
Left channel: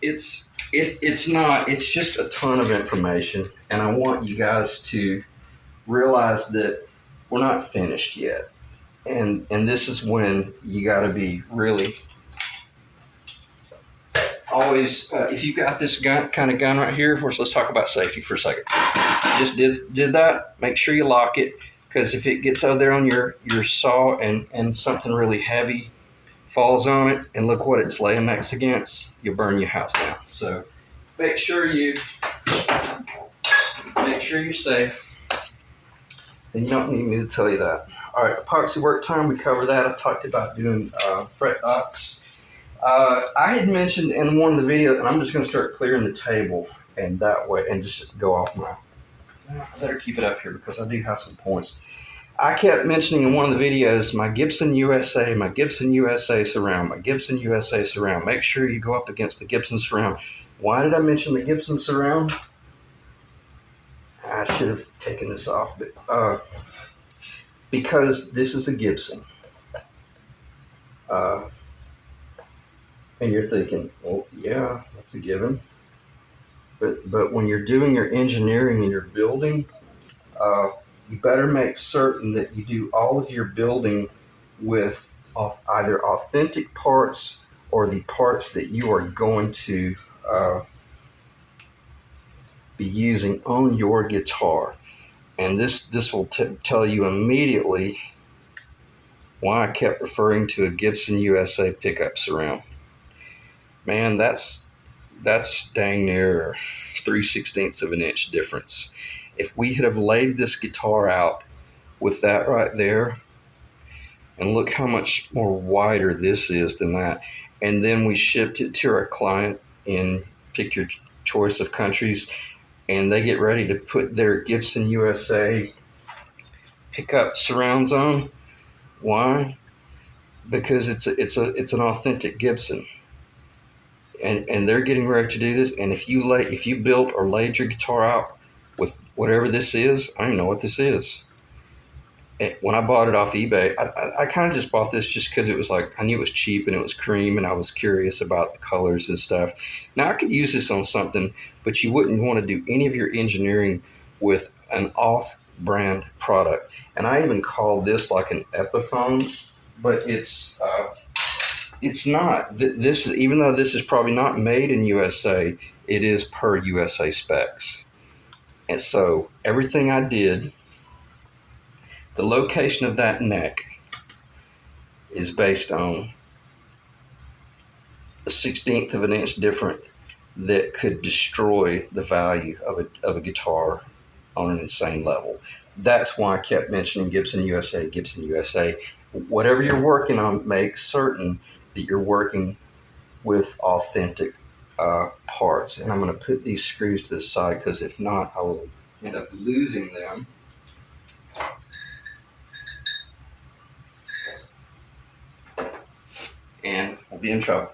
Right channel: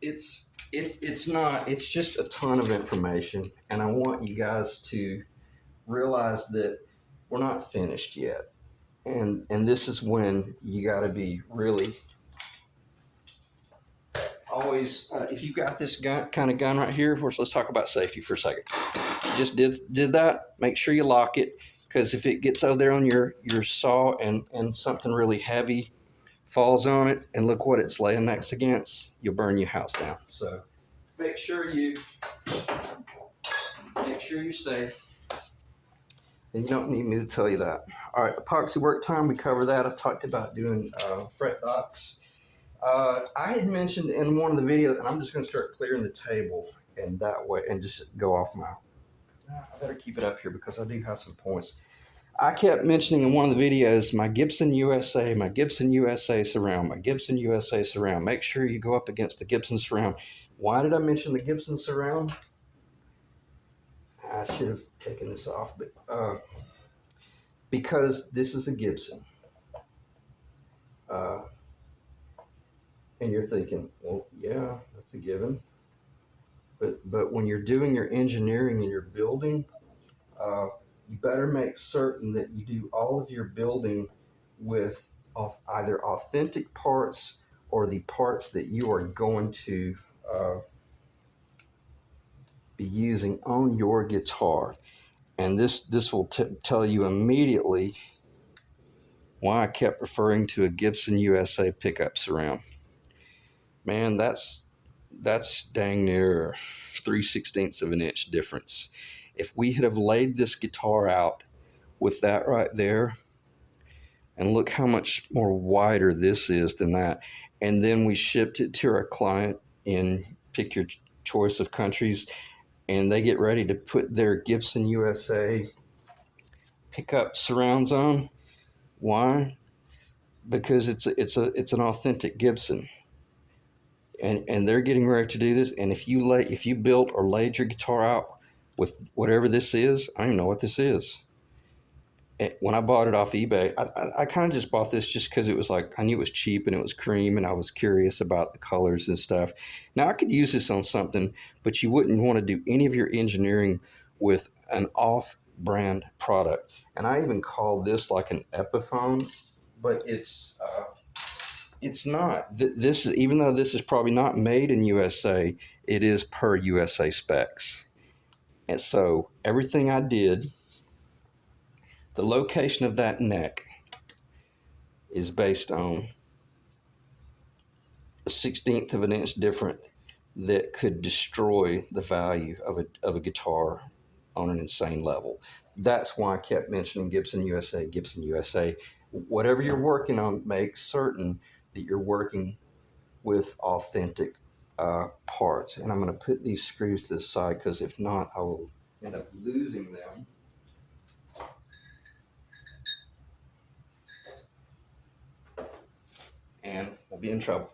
it's not. It's just a ton of information, and I want you guys to realize that we're not finished yet. And this is when you got to be really always. If you got this kind of gun right here, let's talk about safety for a second. Just did that. Make sure you lock it, because if it gets out there on your saw and something really heavy falls on it, and look what it's laying next against, you'll burn your house down. So make sure you're safe. And you don't need me to tell you that. All right, epoxy work time, we covered that. I talked about doing fret dots. I had mentioned in one of the videos, and I'm just going to start clearing the table, and that way, and just go off my. I better keep it up here because I do have some points. I kept mentioning in one of the videos my Gibson USA surround, my Gibson USA surround. Make sure you go up against the Gibson surround. Why did I mention the Gibson surround? I should have taken this off, but because this is a Gibson. And you're thinking, well, yeah, that's a given. But when you're doing your engineering and your building, you better make certain that you do all of your building with either authentic parts or the parts that you are going to be using on your guitar. And this will tell you immediately why I kept referring to a Gibson USA pickup surround. Man, that's dang near 3/16 of an inch difference. If we had have laid this guitar out with that right there, and look how much more wider this is than that, and then we shipped it to our client in pick your choice of countries, and they get ready to put their Gibson USA pickup surrounds on. Why? Because it's an authentic Gibson. And they're getting ready to do this. And if you built or laid your guitar out with whatever this is, I don't know what this is. When I bought it off eBay, I kind of just bought this just because it was like, I knew it was cheap and it was cream, and I was curious about the colors and stuff. Now I could use this on something, but you wouldn't want to do any of your engineering with an off-brand product. And I even call this like an Epiphone, but it's not. This, even though this is probably not made in USA, it is per USA specs. And so everything I did, the location of that neck is based on a 1/16 of an inch different that could destroy the value of a guitar on an insane level. That's why I kept mentioning Gibson USA, Gibson USA. Whatever you're working on, make certain that you're working with authentic parts. And I'm going to put these screws to the side, because if not, I will end up losing them. and we'll be in trouble.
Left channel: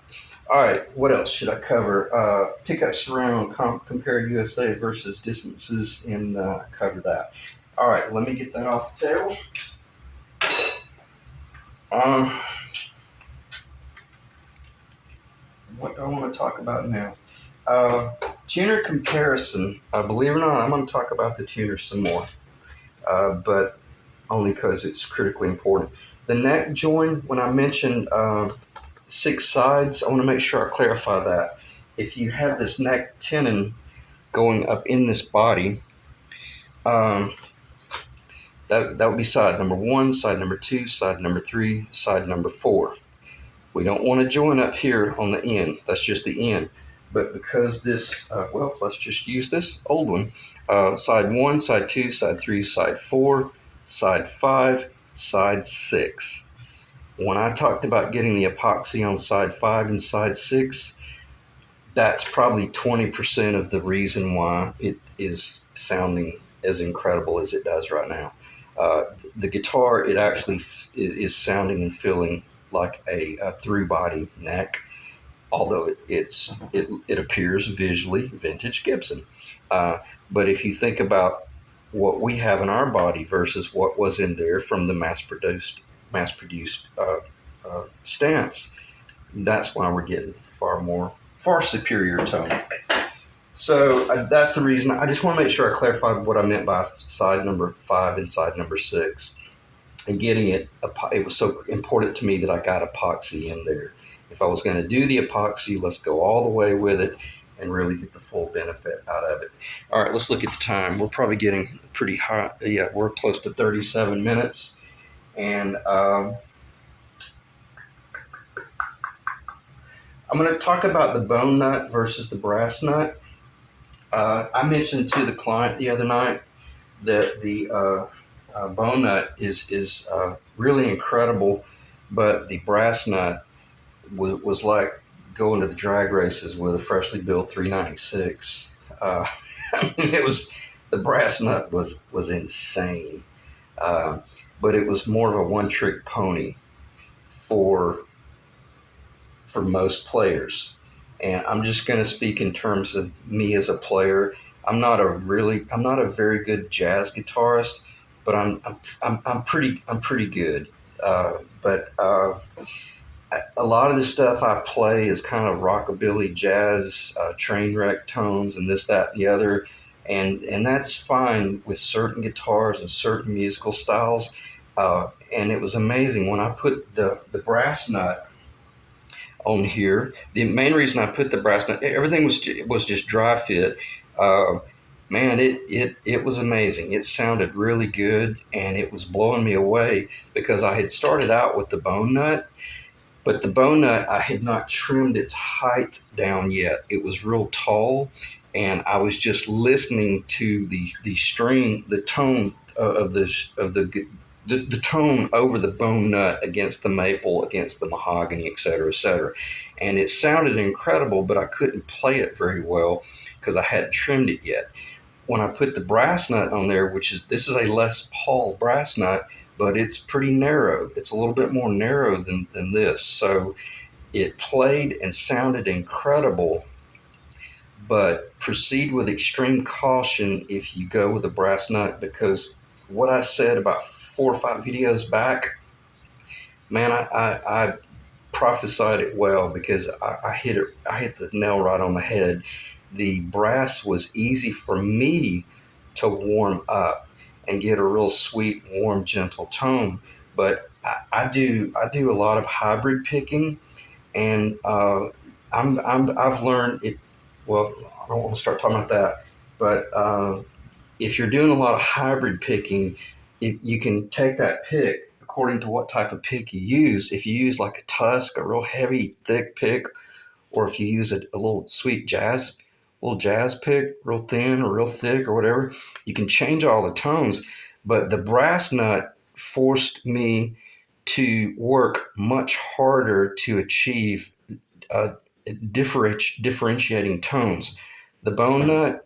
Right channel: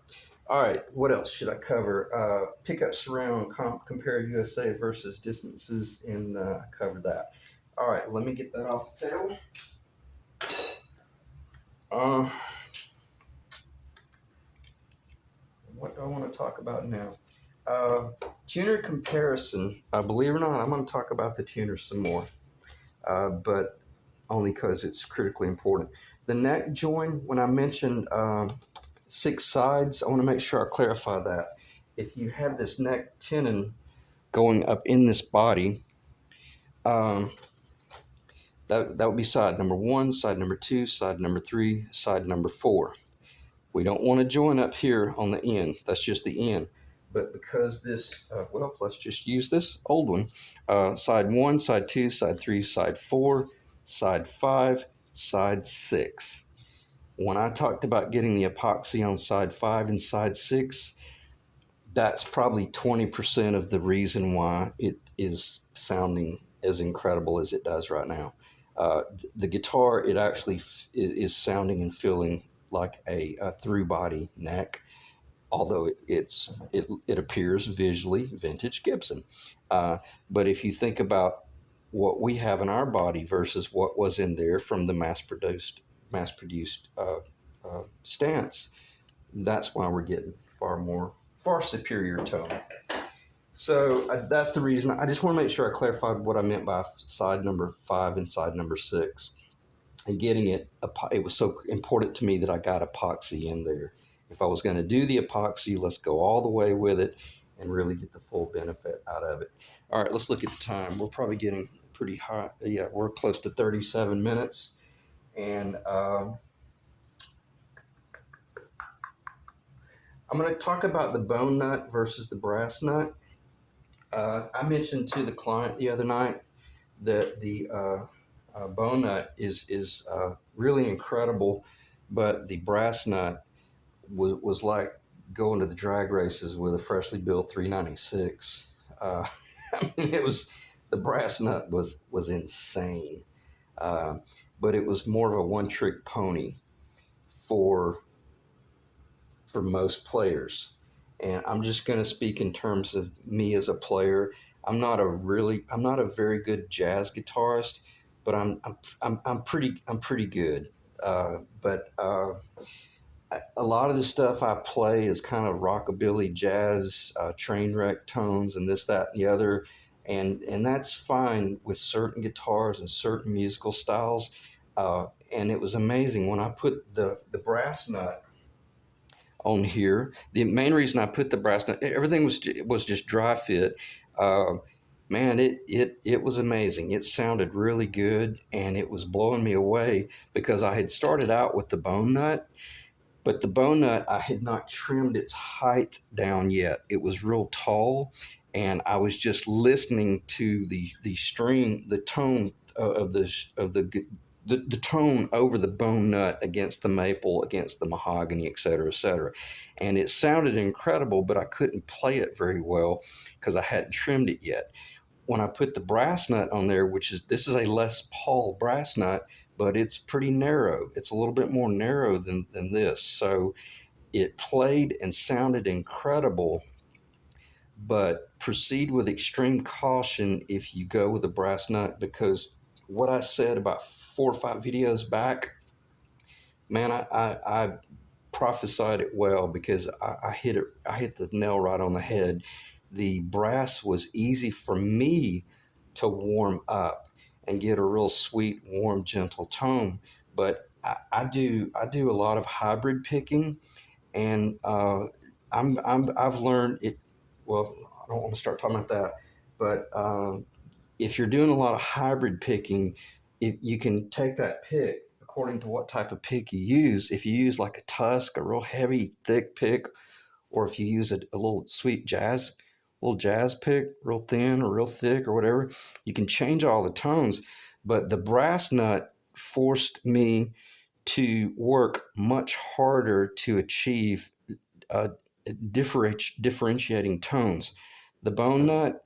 All right, what else should I cover? Pickup surround, compare USA versus distances, and cover that. All right, let me get that off the table. Um, what do I want to talk about now? Uh, Tuner comparison. Believe it or not, I'm going to talk about the tuner some more, but only because it's critically important. The neck join, when I mentioned 6 sides, I want to make sure I clarify that. If you have this neck tenon going up in this body, um, that would be side number 1, side number 2, side number 3, side number 4. We don't want to join up here on the end. That's just the end. But because this, well, let's just use this old one. Side 1, side 2, side 3, side 4, side 5, side 6. When I talked about getting the epoxy on side 5 and side 6, that's probably 20% of the reason why it is sounding as incredible as it does right now. The guitar, it actually is sounding and feeling like a through body neck, although it appears visually vintage Gibson. But if you think about what we have in our body versus what was in there from the mass produced stance, that's why we're getting far superior tone. So that's the reason. I just want to make sure I clarify what I meant by side number 5 and side number 6. And getting it was so important to me that I got epoxy in there. If I was going to do the epoxy, let's go all the way with it and really get the full benefit out of it. All right, let's look at the time. We're probably getting pretty hot. Yeah, we're close to 37 minutes. And I'm going to talk about the bone nut versus the brass nut. I mentioned to the client the other night that the bone nut is really incredible, but the brass nut was like going to the drag races with a freshly built 396. I mean, the brass nut was insane, but it was more of a one-trick pony for most players. And I'm just going to speak in terms of me as a player. I'm not a very good jazz guitarist, but I'm pretty good. But a lot of the stuff I play is kind of rockabilly jazz, train wreck tones, and this, that, and the other, and that's fine with certain guitars and certain musical styles. And it was amazing when I put the brass nut on here. The main reason I put the brass nut, everything was just dry fit. Uh, Man, it was amazing. It sounded really good, and it was blowing me away because I had started out with the bone nut, but the bone nut, I had not trimmed its height down yet. It was real tall, and I was just listening to the string, the tone of the tone over the bone nut against the maple, against the mahogany, et cetera, et cetera. And it sounded incredible, but I couldn't play it very well because I hadn't trimmed it yet. When I put the brass nut on there, this is a Les Paul brass nut, but it's pretty narrow. It's a little bit more narrow than this. So it played and sounded incredible, but proceed with extreme caution if you go with a brass nut, because what I said about 4 or 5 videos back, man, I prophesied it well because I hit the nail right on the head. The brass was easy for me to warm up and get a real sweet, warm, gentle tone. But I do a lot of hybrid picking, and I've learned it. Well, I don't want to start talking about that, but if you're doing a lot of hybrid picking, you can take that pick according to what type of pick you use. If you use like a tusk, a real heavy, thick pick, or if you use a little jazz pick, real thin or real thick or whatever, you can change all the tones. But the brass nut forced me to work much harder to achieve uh, differentiating tones. The bone nut,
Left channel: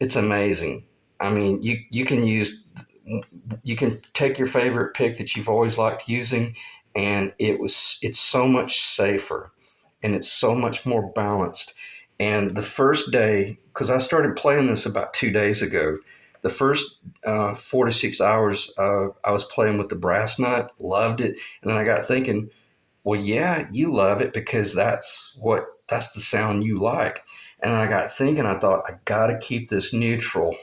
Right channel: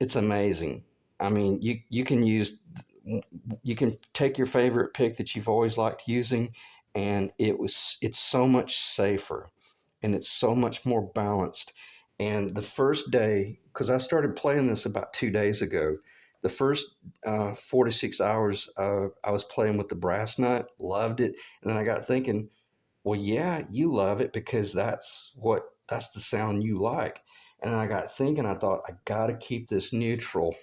it's amazing. I mean, you can take your favorite pick that you've always liked using, and it's so much safer, and it's so much more balanced. And the first day, because I started playing this about 2 days ago, the first 4 to 6 hours I was playing with the brass nut, loved it, and then I got thinking, well, yeah, you love it because that's the sound you like. And then I got thinking, I thought, I got to keep this neutral.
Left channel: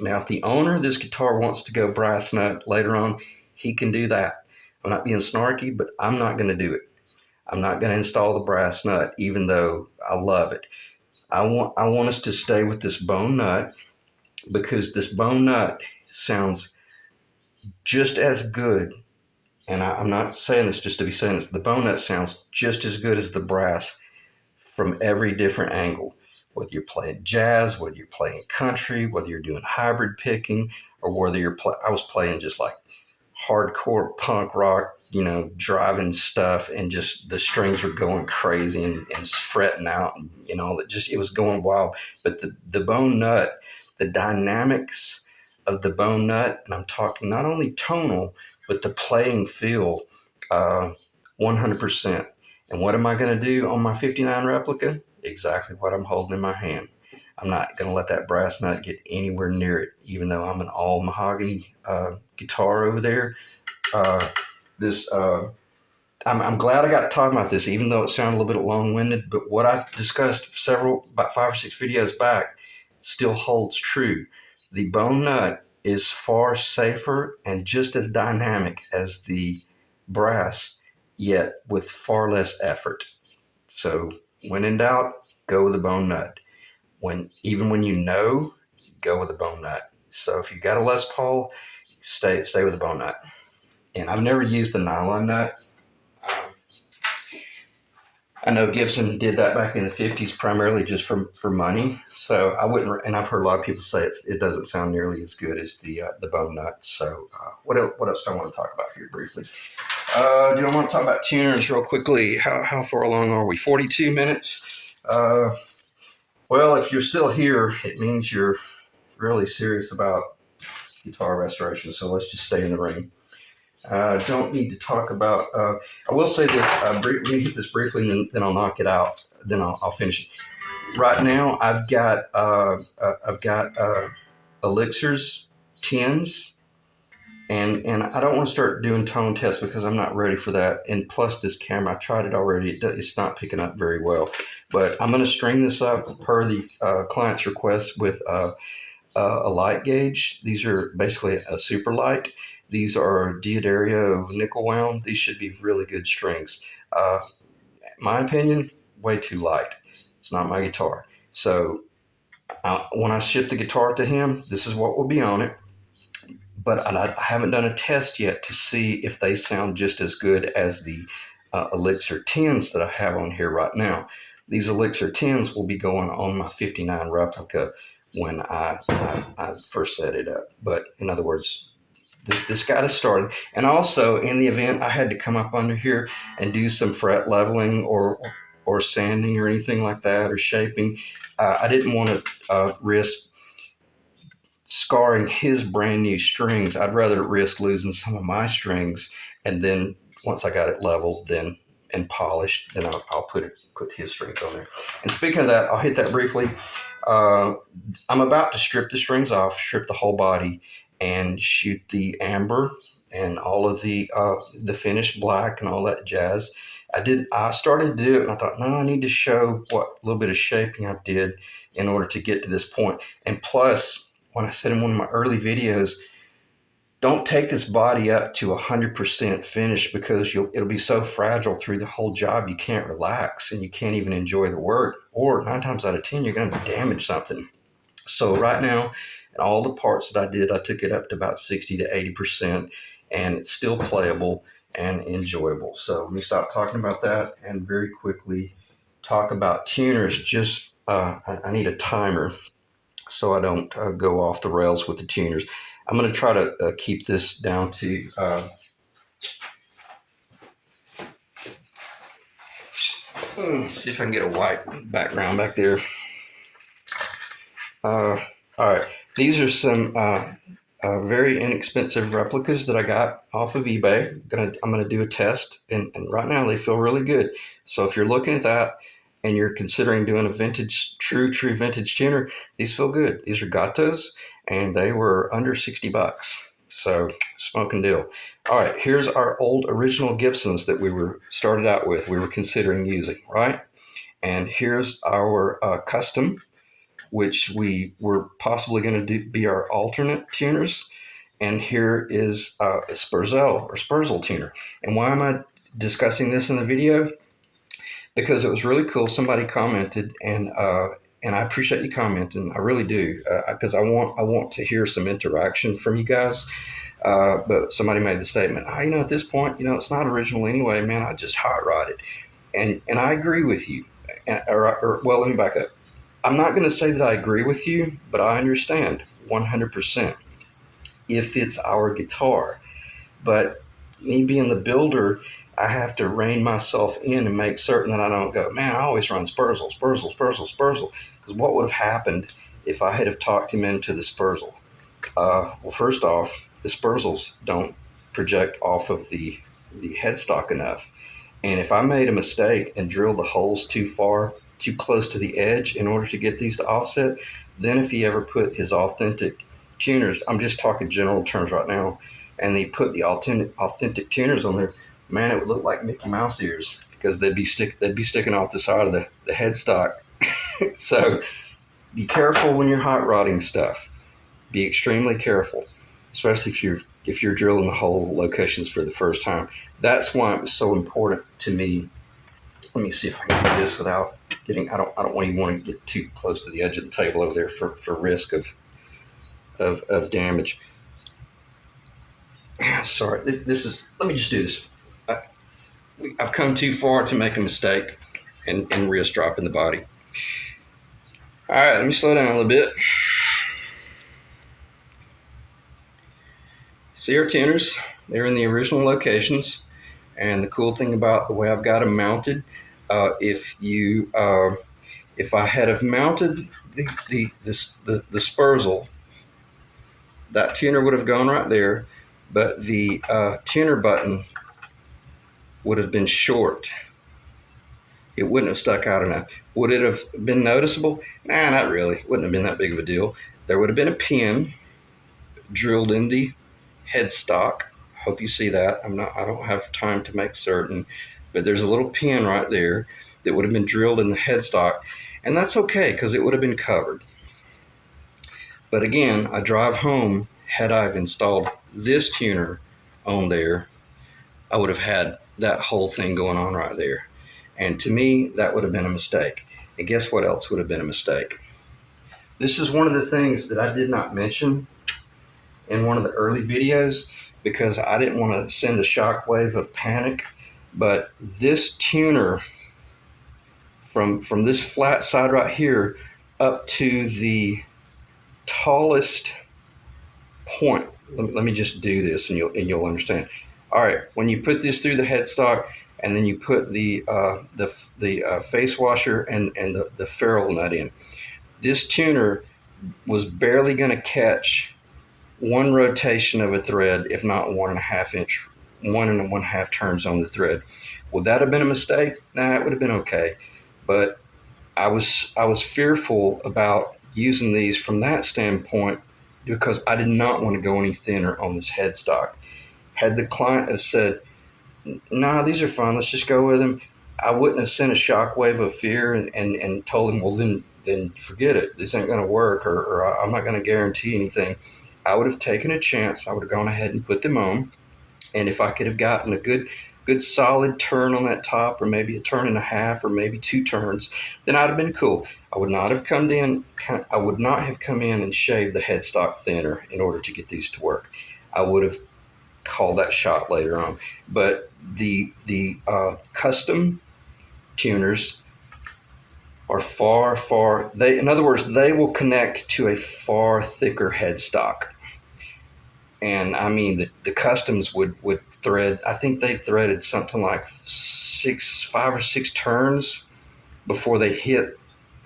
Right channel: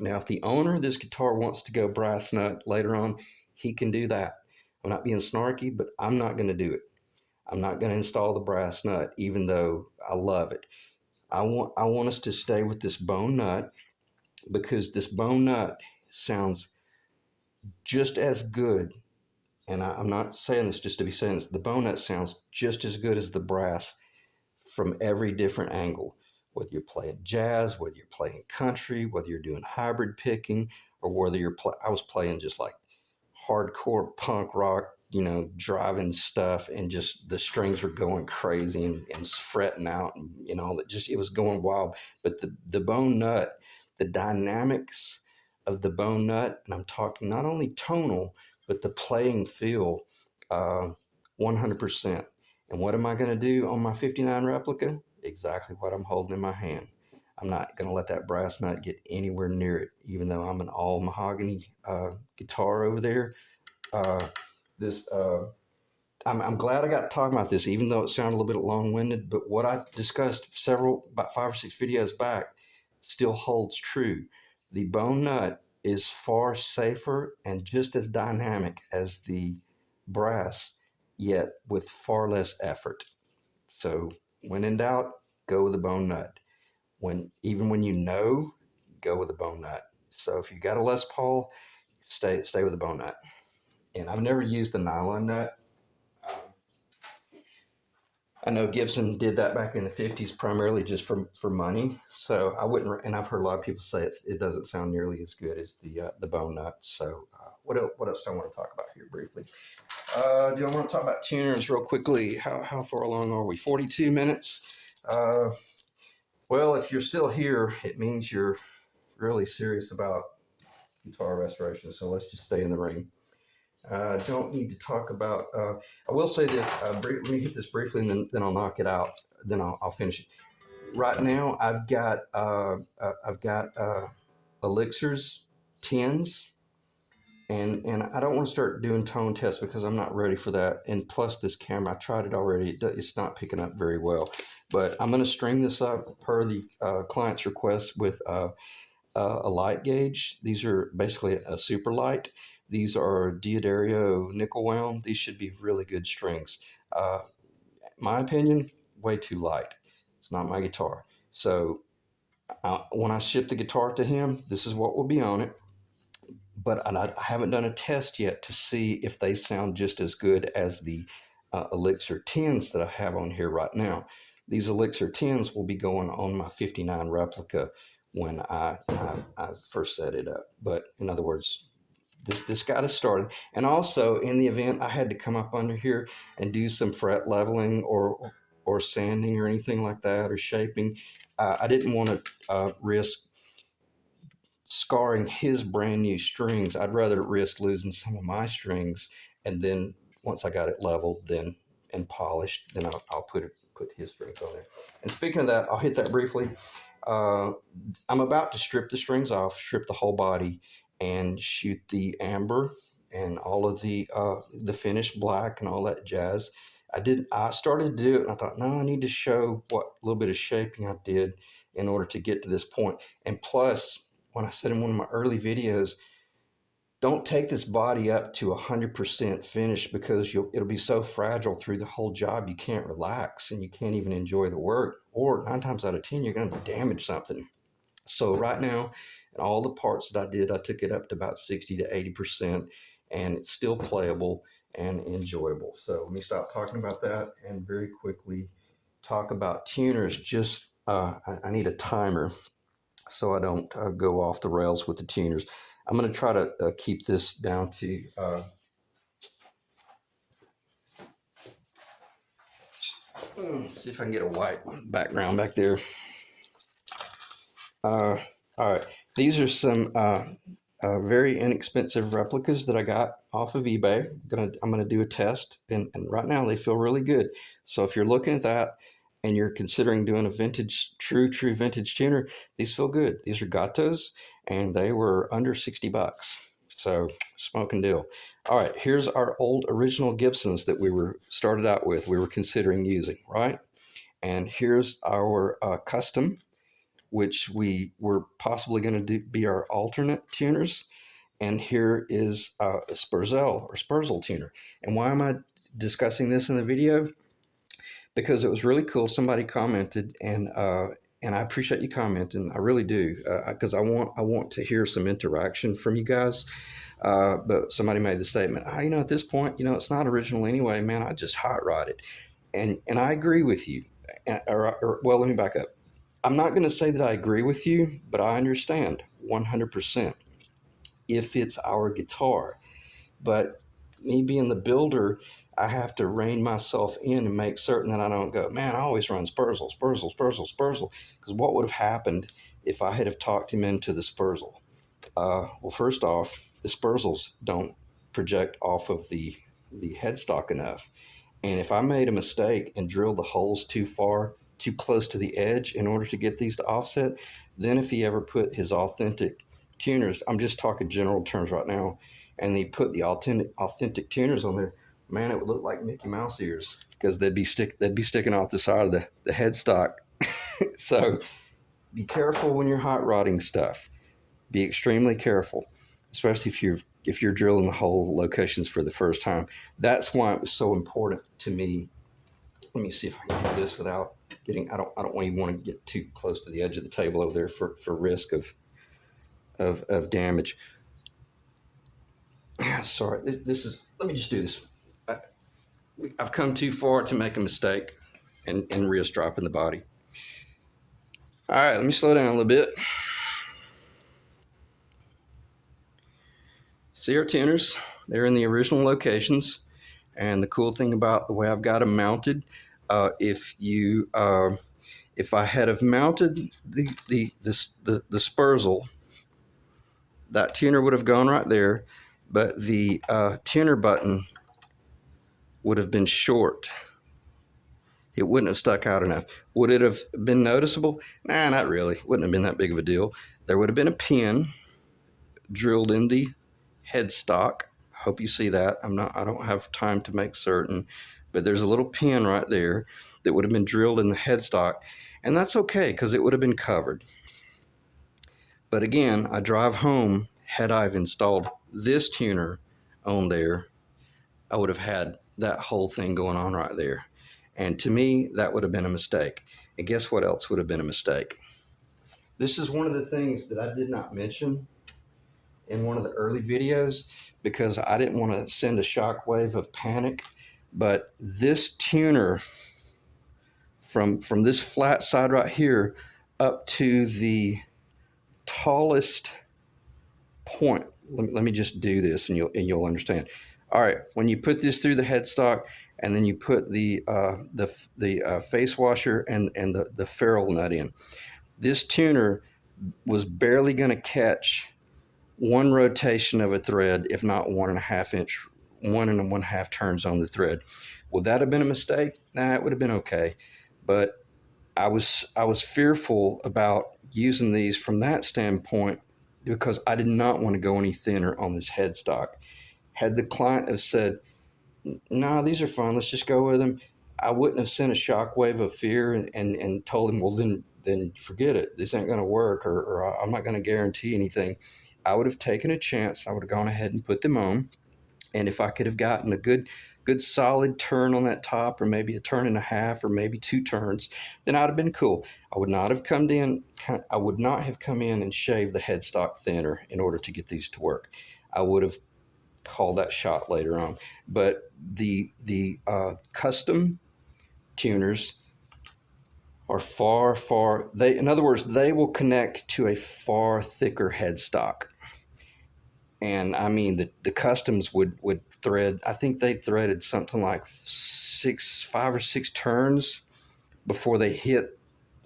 Now, if the owner of this guitar wants to go brass nut later on, he can do that. I'm not being snarky, but I'm not going to do it. I'm not going to install the brass nut, even though I love it. I want us to stay with this bone nut, because this bone nut sounds just as good. And I'm not saying this just to be saying this. The bone nut sounds just as good as the brass from every different angle. Whether you're playing jazz, whether you're playing country, whether you're doing hybrid picking, or whether I was playing just like hardcore punk rock, driving stuff, and just the strings were going crazy and fretting out, and that just it was going wild. But the bone nut, the dynamics of the bone nut, and I'm talking not only tonal, but the playing feel, 100%. And what am I going to do on my 59 replica? Exactly what I'm holding in my hand. I'm not going to let that brass nut get anywhere near it, even though I'm an all mahogany guitar over there. Uh, this I'm glad I got talking about this, even though it sounded a little bit long-winded. But what I discussed about 5 or 6 videos back still holds true. The bone nut is far safer and just as dynamic as the brass, yet with far less effort. So when in doubt, go with the bone nut. Even when go with the bone nut. So if you got a Les Paul, stay with the bone nut. And I've never used the nylon nut. Um, I know Gibson did that back in the 50s primarily just for money. So I wouldn't, and I've heard a lot of people say it doesn't sound nearly as good as the bone nut. So what else do I want to talk about here briefly? Do I want to talk about tuners real quickly? How far along are we? 42 minutes. Well, if you're still here, it means you're really serious about guitar restoration. So let's just stay in the ring. Don't need to talk about. I will say that let me hit this briefly, and then I'll knock it out. Then I'll finish it. Right now, I've got elixirs, tens, and I don't want to start doing tone tests because I'm not ready for that. And plus, this camera, I tried it already. It's not picking up very well. But I'm going to string this up per the client's request with a light gauge. These are basically a super light. These are Diodario nickel wound. These should be really good strings. My opinion, way too light. It's not my guitar. So when I ship the guitar to him, this is what will be on it. But I haven't done a test yet to see if they sound just as good as the Elixir 10s that I have on here right now. These Elixir 10s will be going on my 59 replica when I first set it up. But in other words, this got us started. And also, in the event I had to come up under here and do some fret leveling or sanding or anything like that, or shaping, I didn't want to risk scarring his brand new strings. I'd rather risk losing some of my strings, and then once I got it leveled, then and polished, then I'll put his strings on there. And speaking of that, I'll hit that briefly. I'm about to strip the strings off, strip the whole body, and shoot the amber and all of the finished black and all that jazz. I started to do it, and I thought, no, I need to show what little bit of shaping I did in order to get to this point. And plus, when I said in one of my early videos, don't take this body up to 100% finish, because it'll be so fragile through the whole job you can't relax and you can't even enjoy the work. Or 9 times out of 10, you're going to damage something. So right now, all the parts that I did, I took it up to about 60 to 80%, and it's still playable and enjoyable. So let me stop talking about that and very quickly talk about tuners. Just I need a timer so I don't go off the rails with the tuners. I'm going to try to keep this down to see if I can get a white background back there. All right, these are some very inexpensive replicas that I got off of eBay. I'm gonna do a test, and right now they feel really good. So if you're looking at that and you're considering doing a vintage, true vintage tuner, these feel good. These are Gatos, and they were under $60. So smoking deal. All right, here's our old original Gibsons that we were started out with. We were considering using, right? And here's our custom, which we were possibly going to be our alternate tuners. And here is a Spurzel tuner. And why am I discussing this in the video? Because it was really cool. Somebody commented, and I appreciate you commenting. I really do, because I want to hear some interaction from you guys. But somebody made the statement, at this point, it's not original anyway, man. I just hot rod it, and I agree with you. Well, let me back up. I'm not going to say that I agree with you, but I understand 100% if it's our guitar. But me being the builder, I have to rein myself in and make certain that I don't go, man, I always run Spurzel. Because what would have happened if I had have talked him into the Spurzel? Well, first off, the Spurzels don't project off of the headstock enough. And if I made a mistake and drilled the holes too far, too close to the edge in order to get these to offset, then if he ever put his authentic tuners, I'm just talking general terms right now, and they put the authentic tuners on there, man, it would look like Mickey Mouse ears because they'd be sticking off the side of the headstock. So be careful when you're hot rodding stuff. Be extremely careful, especially if you're drilling the hole locations for the first time. That's why it was so important to me. Let me see if I can do this without getting. I don't even want to get too close to the edge of the table over there for risk of damage. Sorry, this is. Let me just do this. I've come too far to make a mistake and risk dropping the body. All right, let me slow down a little bit. See our tuners? They're in the original locations. And the cool thing about the way I've got them mounted, if I had have mounted the Spurzel, that tuner would have gone right there, but the tuner button would have been short. It wouldn't have stuck out enough. Would it have been noticeable? Nah, not really. Wouldn't have been that big of a deal. There would have been a pin drilled in the headstock. Hope you see that. I don't have time to make certain, but there's a little pin right there that would have been drilled in the headstock, and that's okay because it would have been covered. But again, I drive home, had I have installed this tuner on there, I would have had that whole thing going on right there. And to me, that would have been a mistake. And guess what else would have been a mistake? This is one of the things that I did not mention in one of the early videos because I didn't want to send a shockwave of panic. But this tuner, from this flat side right here up to the tallest point, let me just do this and you'll understand. All right, when you put this through the headstock and then you put the face washer and the ferrule nut in, this tuner was barely going to catch one rotation of a thread, if not 1.5 inch, 1.5 turns on the thread. Would that have been a mistake? Nah, it would have been okay. But I was fearful about using these from that standpoint because I did not want to go any thinner on this headstock. Had the client have said, "Nah, these are fine. Let's just go with them," I wouldn't have sent a shockwave of fear and told him, "Well, then forget it. This ain't going to work, or I'm not going to guarantee anything." I would have taken a chance. I would have gone ahead and put them on, and if I could have gotten a good solid turn on that top, or maybe a turn and a half, or maybe 2 turns, then I'd have been cool. I would not have come in and shaved the headstock thinner in order to get these to work. I would have called that shot later on. But the custom tuners are far. In other words, they will connect to a far thicker headstock. And I mean, the customs would thread, I think they threaded something like 5 or 6 turns before they hit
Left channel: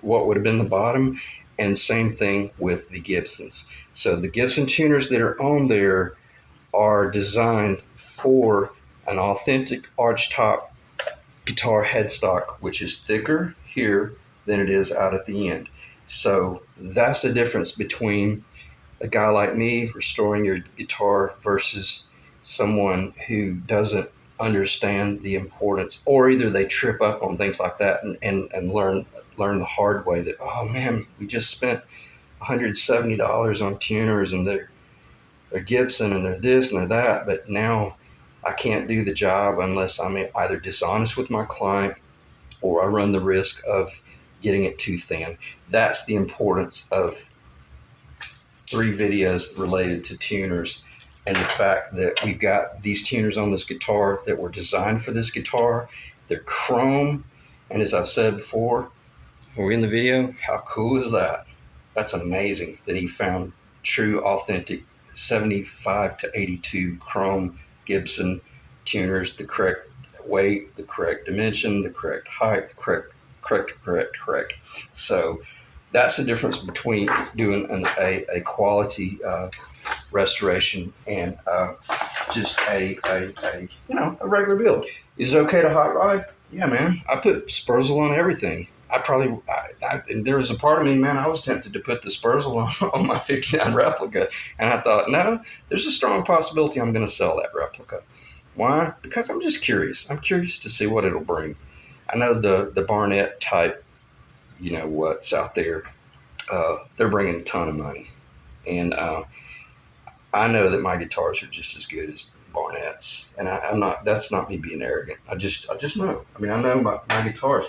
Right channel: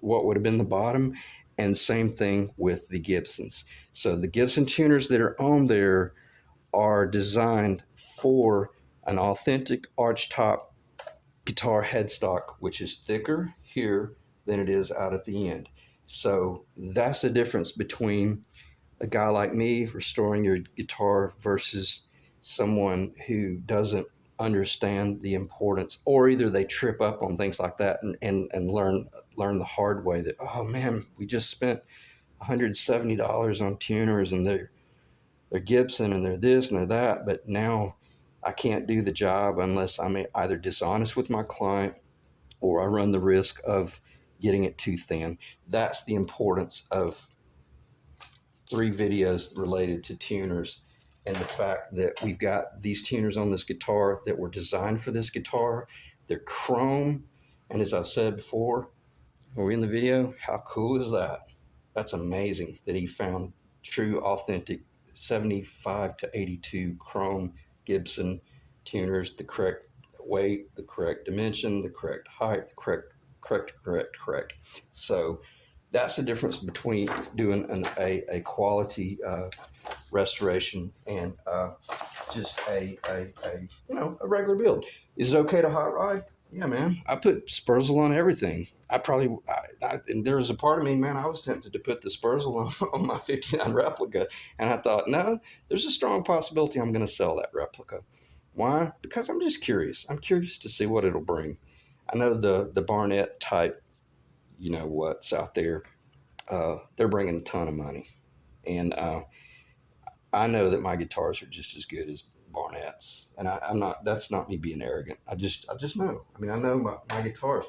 what would have been the bottom. And same thing with the Gibsons. So the Gibson tuners that are on there are designed for an authentic archtop guitar headstock, which is thicker here than it is out at the end. So that's the difference between a guy like me restoring your guitar versus someone who doesn't understand the importance, or either they trip up on things like that and learn the hard way that, oh man, we just spent $170 on tuners and they're Gibson and they're this and they're that, but now I can't do the job unless I'm either dishonest with my client or I run the risk of getting it too thin. That's the importance of 3 videos related to tuners, and the fact that we've got these tuners on this guitar that were designed for this guitar. They're chrome, and as I've said before, when we're in the video, how cool is that? That's amazing that he found true, authentic 75 to 82 chrome Gibson tuners, the correct weight, the correct dimension, the correct height, the correct. So that's the difference between doing a quality restoration and just a regular build. Is it okay to hot rod? Yeah, man. I put Spurzle on everything. And there was a part of me, man, I was tempted to put the Spurzle on my 59 replica, and I thought, no, there's a strong possibility I'm going to sell that replica. Why? Because I'm just curious. I'm curious to see what it'll bring. I know the Barnett type, what's out there, they're bringing a ton of money, and I know that my guitars are just as good as Barnett's, and I'm not. That's not me being arrogant. I just know. I mean, I know my guitars.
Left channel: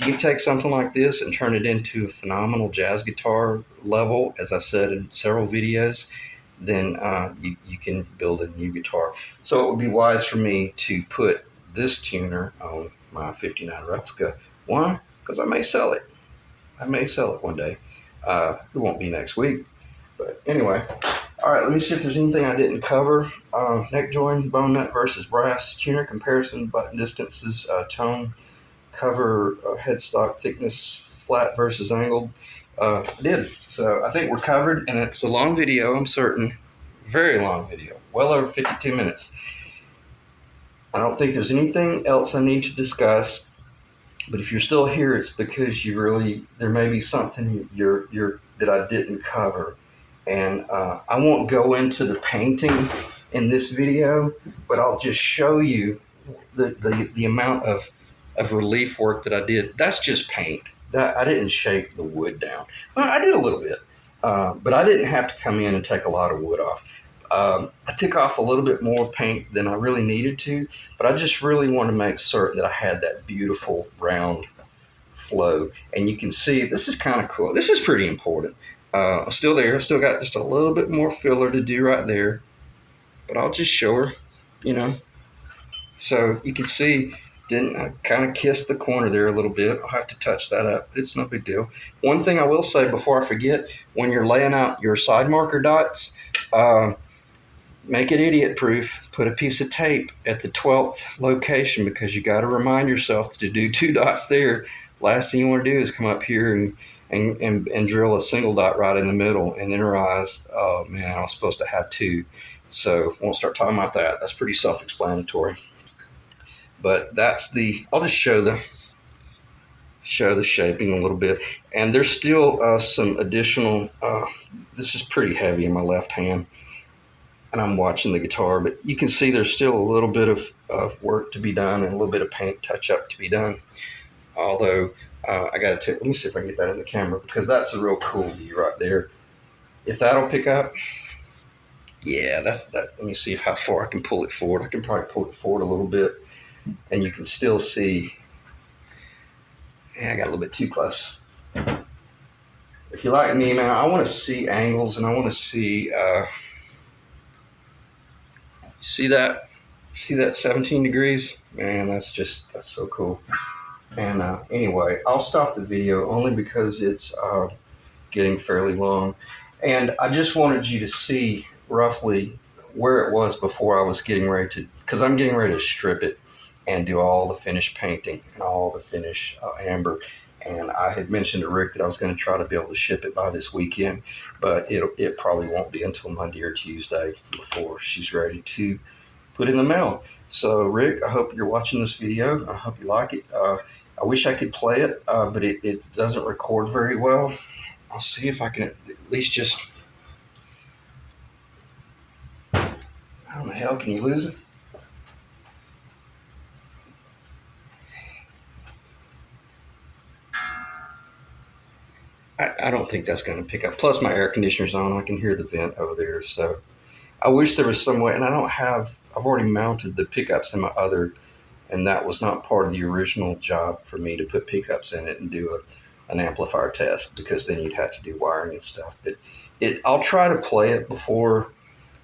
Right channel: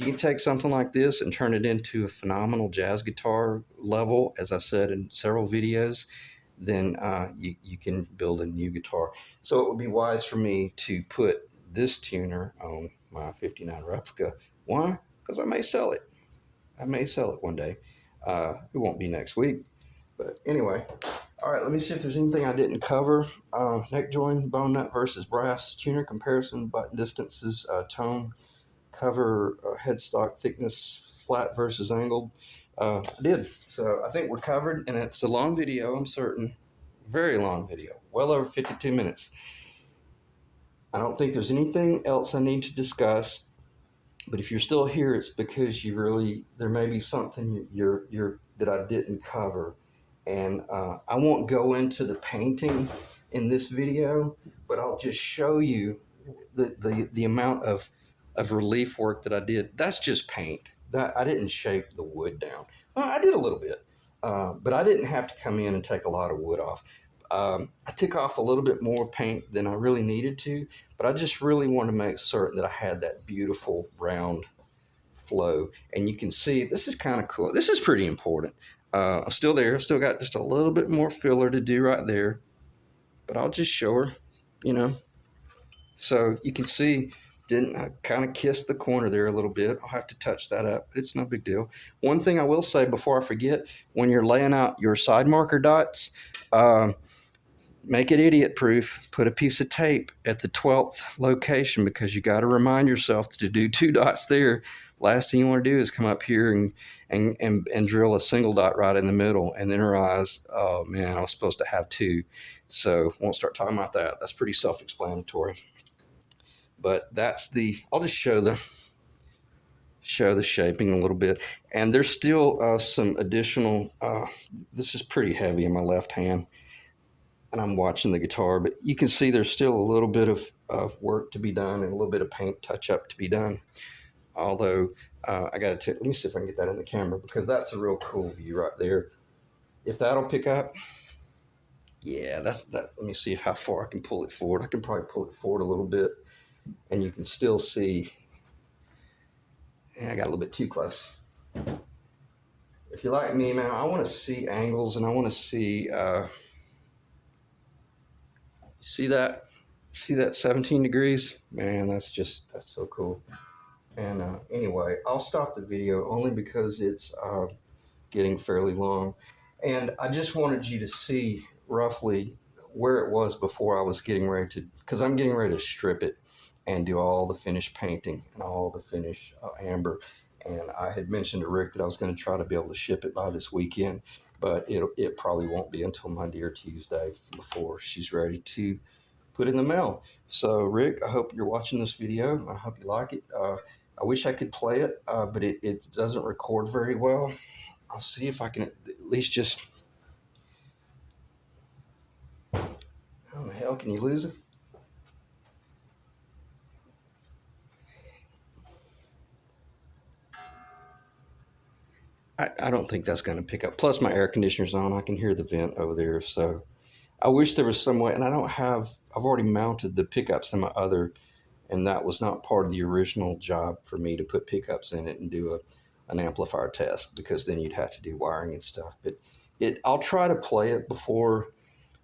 You can take something like this and turn it into a phenomenal jazz guitar level, as I said in several videos. Then you can build a new guitar. So it would be wise for me to put this tuner on my 59 replica. Why? Because I may sell it. I may sell it one day. It won't be next week. But anyway, all right, let me see if there's anything I didn't cover. Neck join, bone nut versus brass, tuner comparison, button distances, tone, cover, headstock thickness, flat versus angled. I did. So I think we're covered, and it's a long video, I'm certain. Very long video, well over 52 minutes. I don't think there's anything else I need to discuss. But if you're still here, it's because there may be something that I didn't cover. And I won't go into the painting in this video, but I'll just show you the amount of relief work that I did. That's just paint. That I didn't shape the wood down. Well, I did a little bit, but I didn't have to come in and take a lot of wood off. I took off a little bit more paint than I really needed to, but I just really want to make certain that I had that beautiful round flow. And you can see this is kind of cool. This is pretty important. I'm still there. I've still got just a little bit more filler to do right there, but I'll just show her, So you can see, didn't I kind of kissed the corner there a little bit. I'll have to touch that up, but it's no big deal. One thing I will say before I forget, when you're laying out your side marker dots, make it idiot proof. Put a piece of tape at the 12th location, because you got to remind yourself to do 2 dots there. Last thing you want to do is come up here and drill a single dot right in the middle and then realize, oh man, I was supposed to have 2. So won't start talking about that. That's pretty self-explanatory. But I'll just show the shaping a little bit. And there's still some additional, this is pretty heavy in my left hand, and I'm watching the guitar, but you can see there's still a little bit of work to be done and a little bit of paint touch-up to be done. Although, I got to let me see if I can get that in the camera, because that's a real cool view right there. If that'll pick up, yeah, that's that. Let me see how far I can pull it forward. I can probably pull it forward a little bit, and you can still see. Yeah, I got a little bit too close. If you're like me, man, I want to see angles, and I want to see. See that 17 degrees? Man, that's so cool. And anyway, I'll stop the video only because it's getting fairly long. And I just wanted you to see roughly where it was before I was getting ready to, because I'm getting ready to strip it and do all the finish painting and all the finish amber. And I had mentioned to Rick that I was going to try to be able to ship it by this weekend, but it probably won't be until Monday or Tuesday before she's ready to put in the mail. So, Rick, I hope you're watching this video. I hope you like it. I wish I could play it, but it doesn't record very well. I'll see if I can at least just. How the hell can you lose it? I don't think that's going to pick up. Plus, my air conditioner's on. I can hear the vent over there. So, I wish there was some way, and I don't have. I've already mounted the pickups in my other, and that was not part of the original job for me to put pickups in it and do an amplifier test, because then you'd have to do wiring and stuff. But I'll try to play it before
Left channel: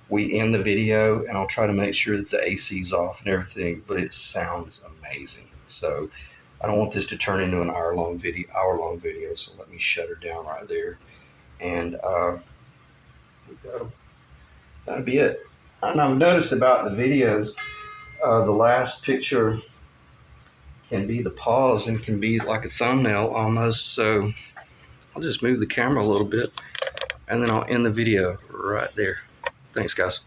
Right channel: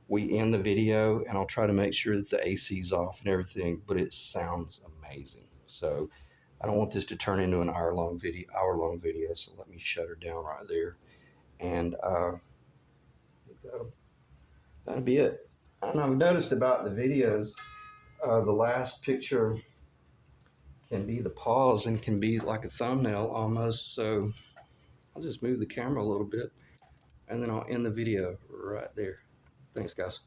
we end the video, and I'll try to make sure that the AC's off and everything. But it sounds amazing. So I don't want this to turn into an hour-long video. So let me shut her down right there, and that'll be it. And I've noticed about the videos, the last picture can be the pause and can be like a thumbnail almost. So I'll just move the camera a little bit, and then I'll end the video right there. Thanks, guys.